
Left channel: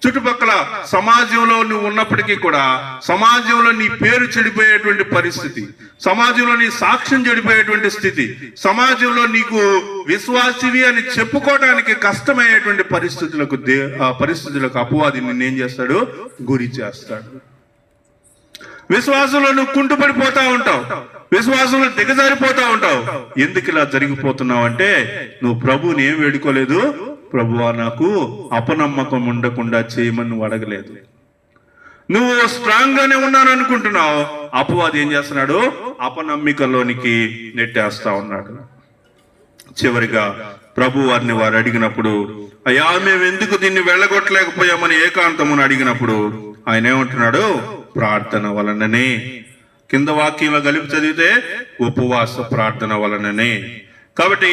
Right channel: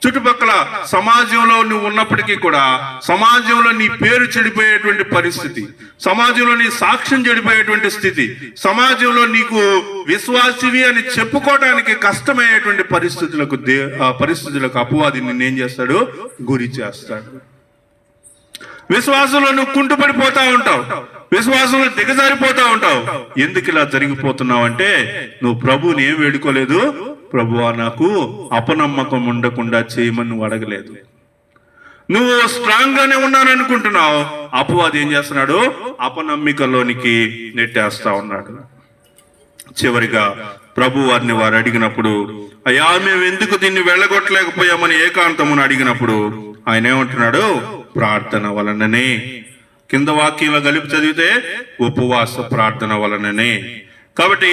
చుట్టుపక్కల సమాజంలో నువ్వు ఉన్నప్పటికీ కూడా సమాజంలో నీ పేరు చెడిపోయేటువంటి పరిస్థితి, సమాజంలో నీ సాక్ష్యం చెడిపోయేటువంటి స్థితి, సమాజంలో నీకు విశ్వాసివి అని చెప్పుకోవడానికి కష్టమయ్యేటువంటి పరిస్థితులకు అపవాది నిన్నేం చేస్తాడు? గురి చేస్తాడు. విశ్వాసంలో నువ్వు కుంటుపడిపోతా ఉంటావు, విశ్వాసంలో దిగజారిపోతా ఉంటావు. ఎందుకు ఇలా జరిగిపోతున్నావు అంటే, నువ్వు ప్రభువుని ఏం వేడుకోలేదు. ప్రభువా, నాకు అపనమ్మకం ఉండకుండా చేయమని నువ్వు అడగలేదు. నువ్వు స్ట్రాంగ్ గానే ఉన్నాను అనుకుంటున్నావు, అపవాది ఏం చేస్తున్నాడు? అపనమ్మికలోనికి నెట్టేస్తా ఉన్నాడు. చివరిగా ప్రభు వారిని వారు అడిగినప్పుడు, అయ్యా మేము ఎందుకు దీన్ని వెళ్ళగొట్టలేకపోయామని ఏకాంతమును అడిగినప్పుడు ఆయన ఏమంటున్నాడు? ప్రార్థన వలననే. కింద వాక్యంలో కలిపి చదివితే ఉపవాస ప్రార్థన వలననే. కాబట్టి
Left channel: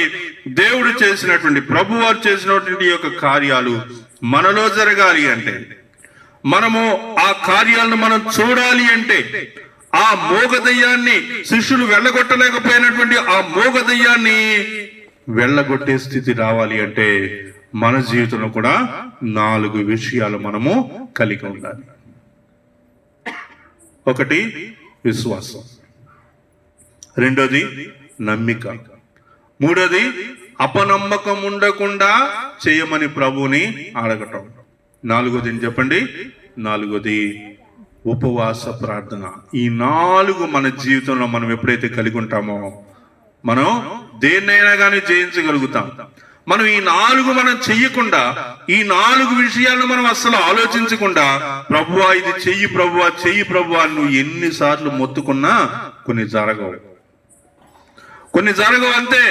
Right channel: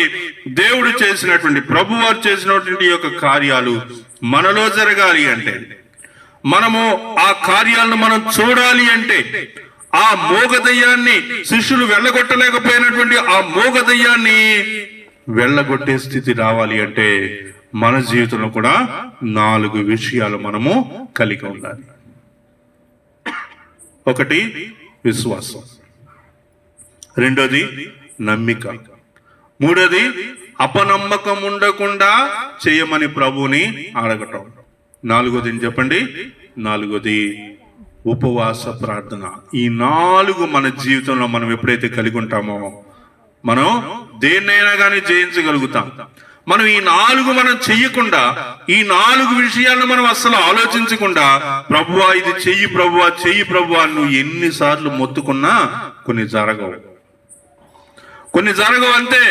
దేవుడు చేసినటువంటి, ప్రభు వారు చేసినటువంటి యొక్క కార్యాలు మనలో జరగాలి అంటే, మనము ఆ కార్యాలను మనం చూడాలి అంటే, ఆ మోగదయ్యాన్ని శిష్యులు వెళ్ళగొట్టలేకపోయినటువంటి ఆ మోగదయ్యాన్ని వెళ్ళగొట్టే స్థితి రావాలి అంటే మన జీవితంలో కూడా 4 విషయాలు మనము కలిగి ఉండాలి. ఒకటి విశ్వాసం, రెండోది నమ్మిక, మూడోది అపనమ్మకం ఉండకుండా చేయమని ప్రభువుని అడగటం, నాలుగోది చెప్పండి? నాలుగోది ఉపవాస ప్రార్థన. ఈ 4 మన జీవితంలో మనం ఎప్పుడైతే కలిగి ఉంటామో మనం దేన్నైనా కానీ జయించగలుగుతాం. మనం ఈ 4 మనం చెయ్యకుండా, ఈ 4 విషయాలను మనం అస్సలు ఆలోచించకుండా, ప్రభువా ఇది చెయ్యి ప్రభువా, చెయ్యి ప్రభువా నువ్వు ఎన్నిసార్లు మొత్తుకున్నా కొన్ని జరగవు అంతే.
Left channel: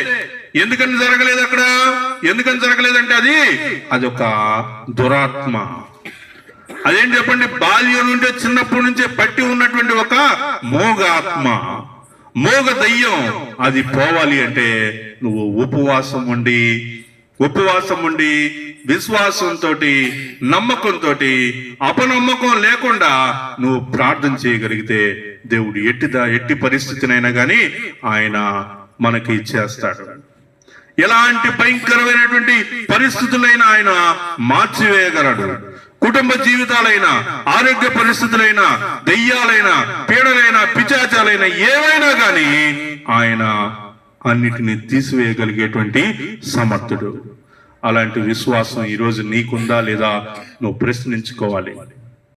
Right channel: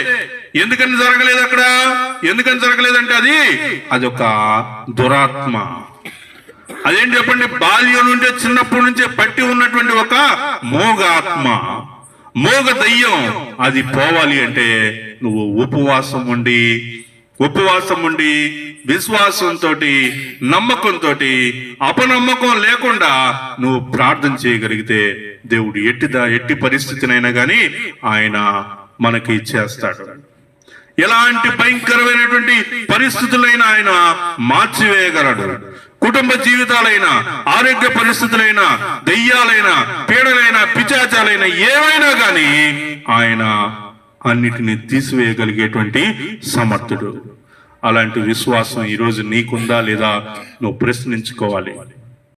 ఎందుకని జరగలేదు అక్కడ? ఎందుకని జరగలేదంటే అది ఒక దురాత్మ. అదేం చెప్పండి, బాల్యం నుండే చిన్నప్పటి నుంచే పట్టి ఉన్నటువంటి ఒక మోగ ఆత్మ, మోగ దయ్యం, అది పోవాలి అంటే నువ్వు ఉపవాసం ఉండి విశ్వాసంతో, నమ్మకంతో, అపనమ్మకం లేకుండా నువ్వు ప్రార్థన చేయగలిగితే దేవుడు ఎట్టి పరిస్థితినైనా కానీ ఆయన మనకి చేస్తాడు. ఎలాంటి భయంకరమైనటువంటి పరిస్థితులైనా ఆయన మార్చివేయగలడు. కుటుంబ జీవితాలైనా, ఆరోగ్య పరిస్థితులైనా, దయ్యాలైనా, పీడలైనా, పిశాచాలైనా ఏవైనా కానీ ఆయన అన్నిటిని తీసివేయగలిగేటువంటి సమర్థుడు. అలాంటి విశ్వాసం ఈరోజు నీకుందా లేదా నువ్వు ప్రశ్నించుకోవాలి.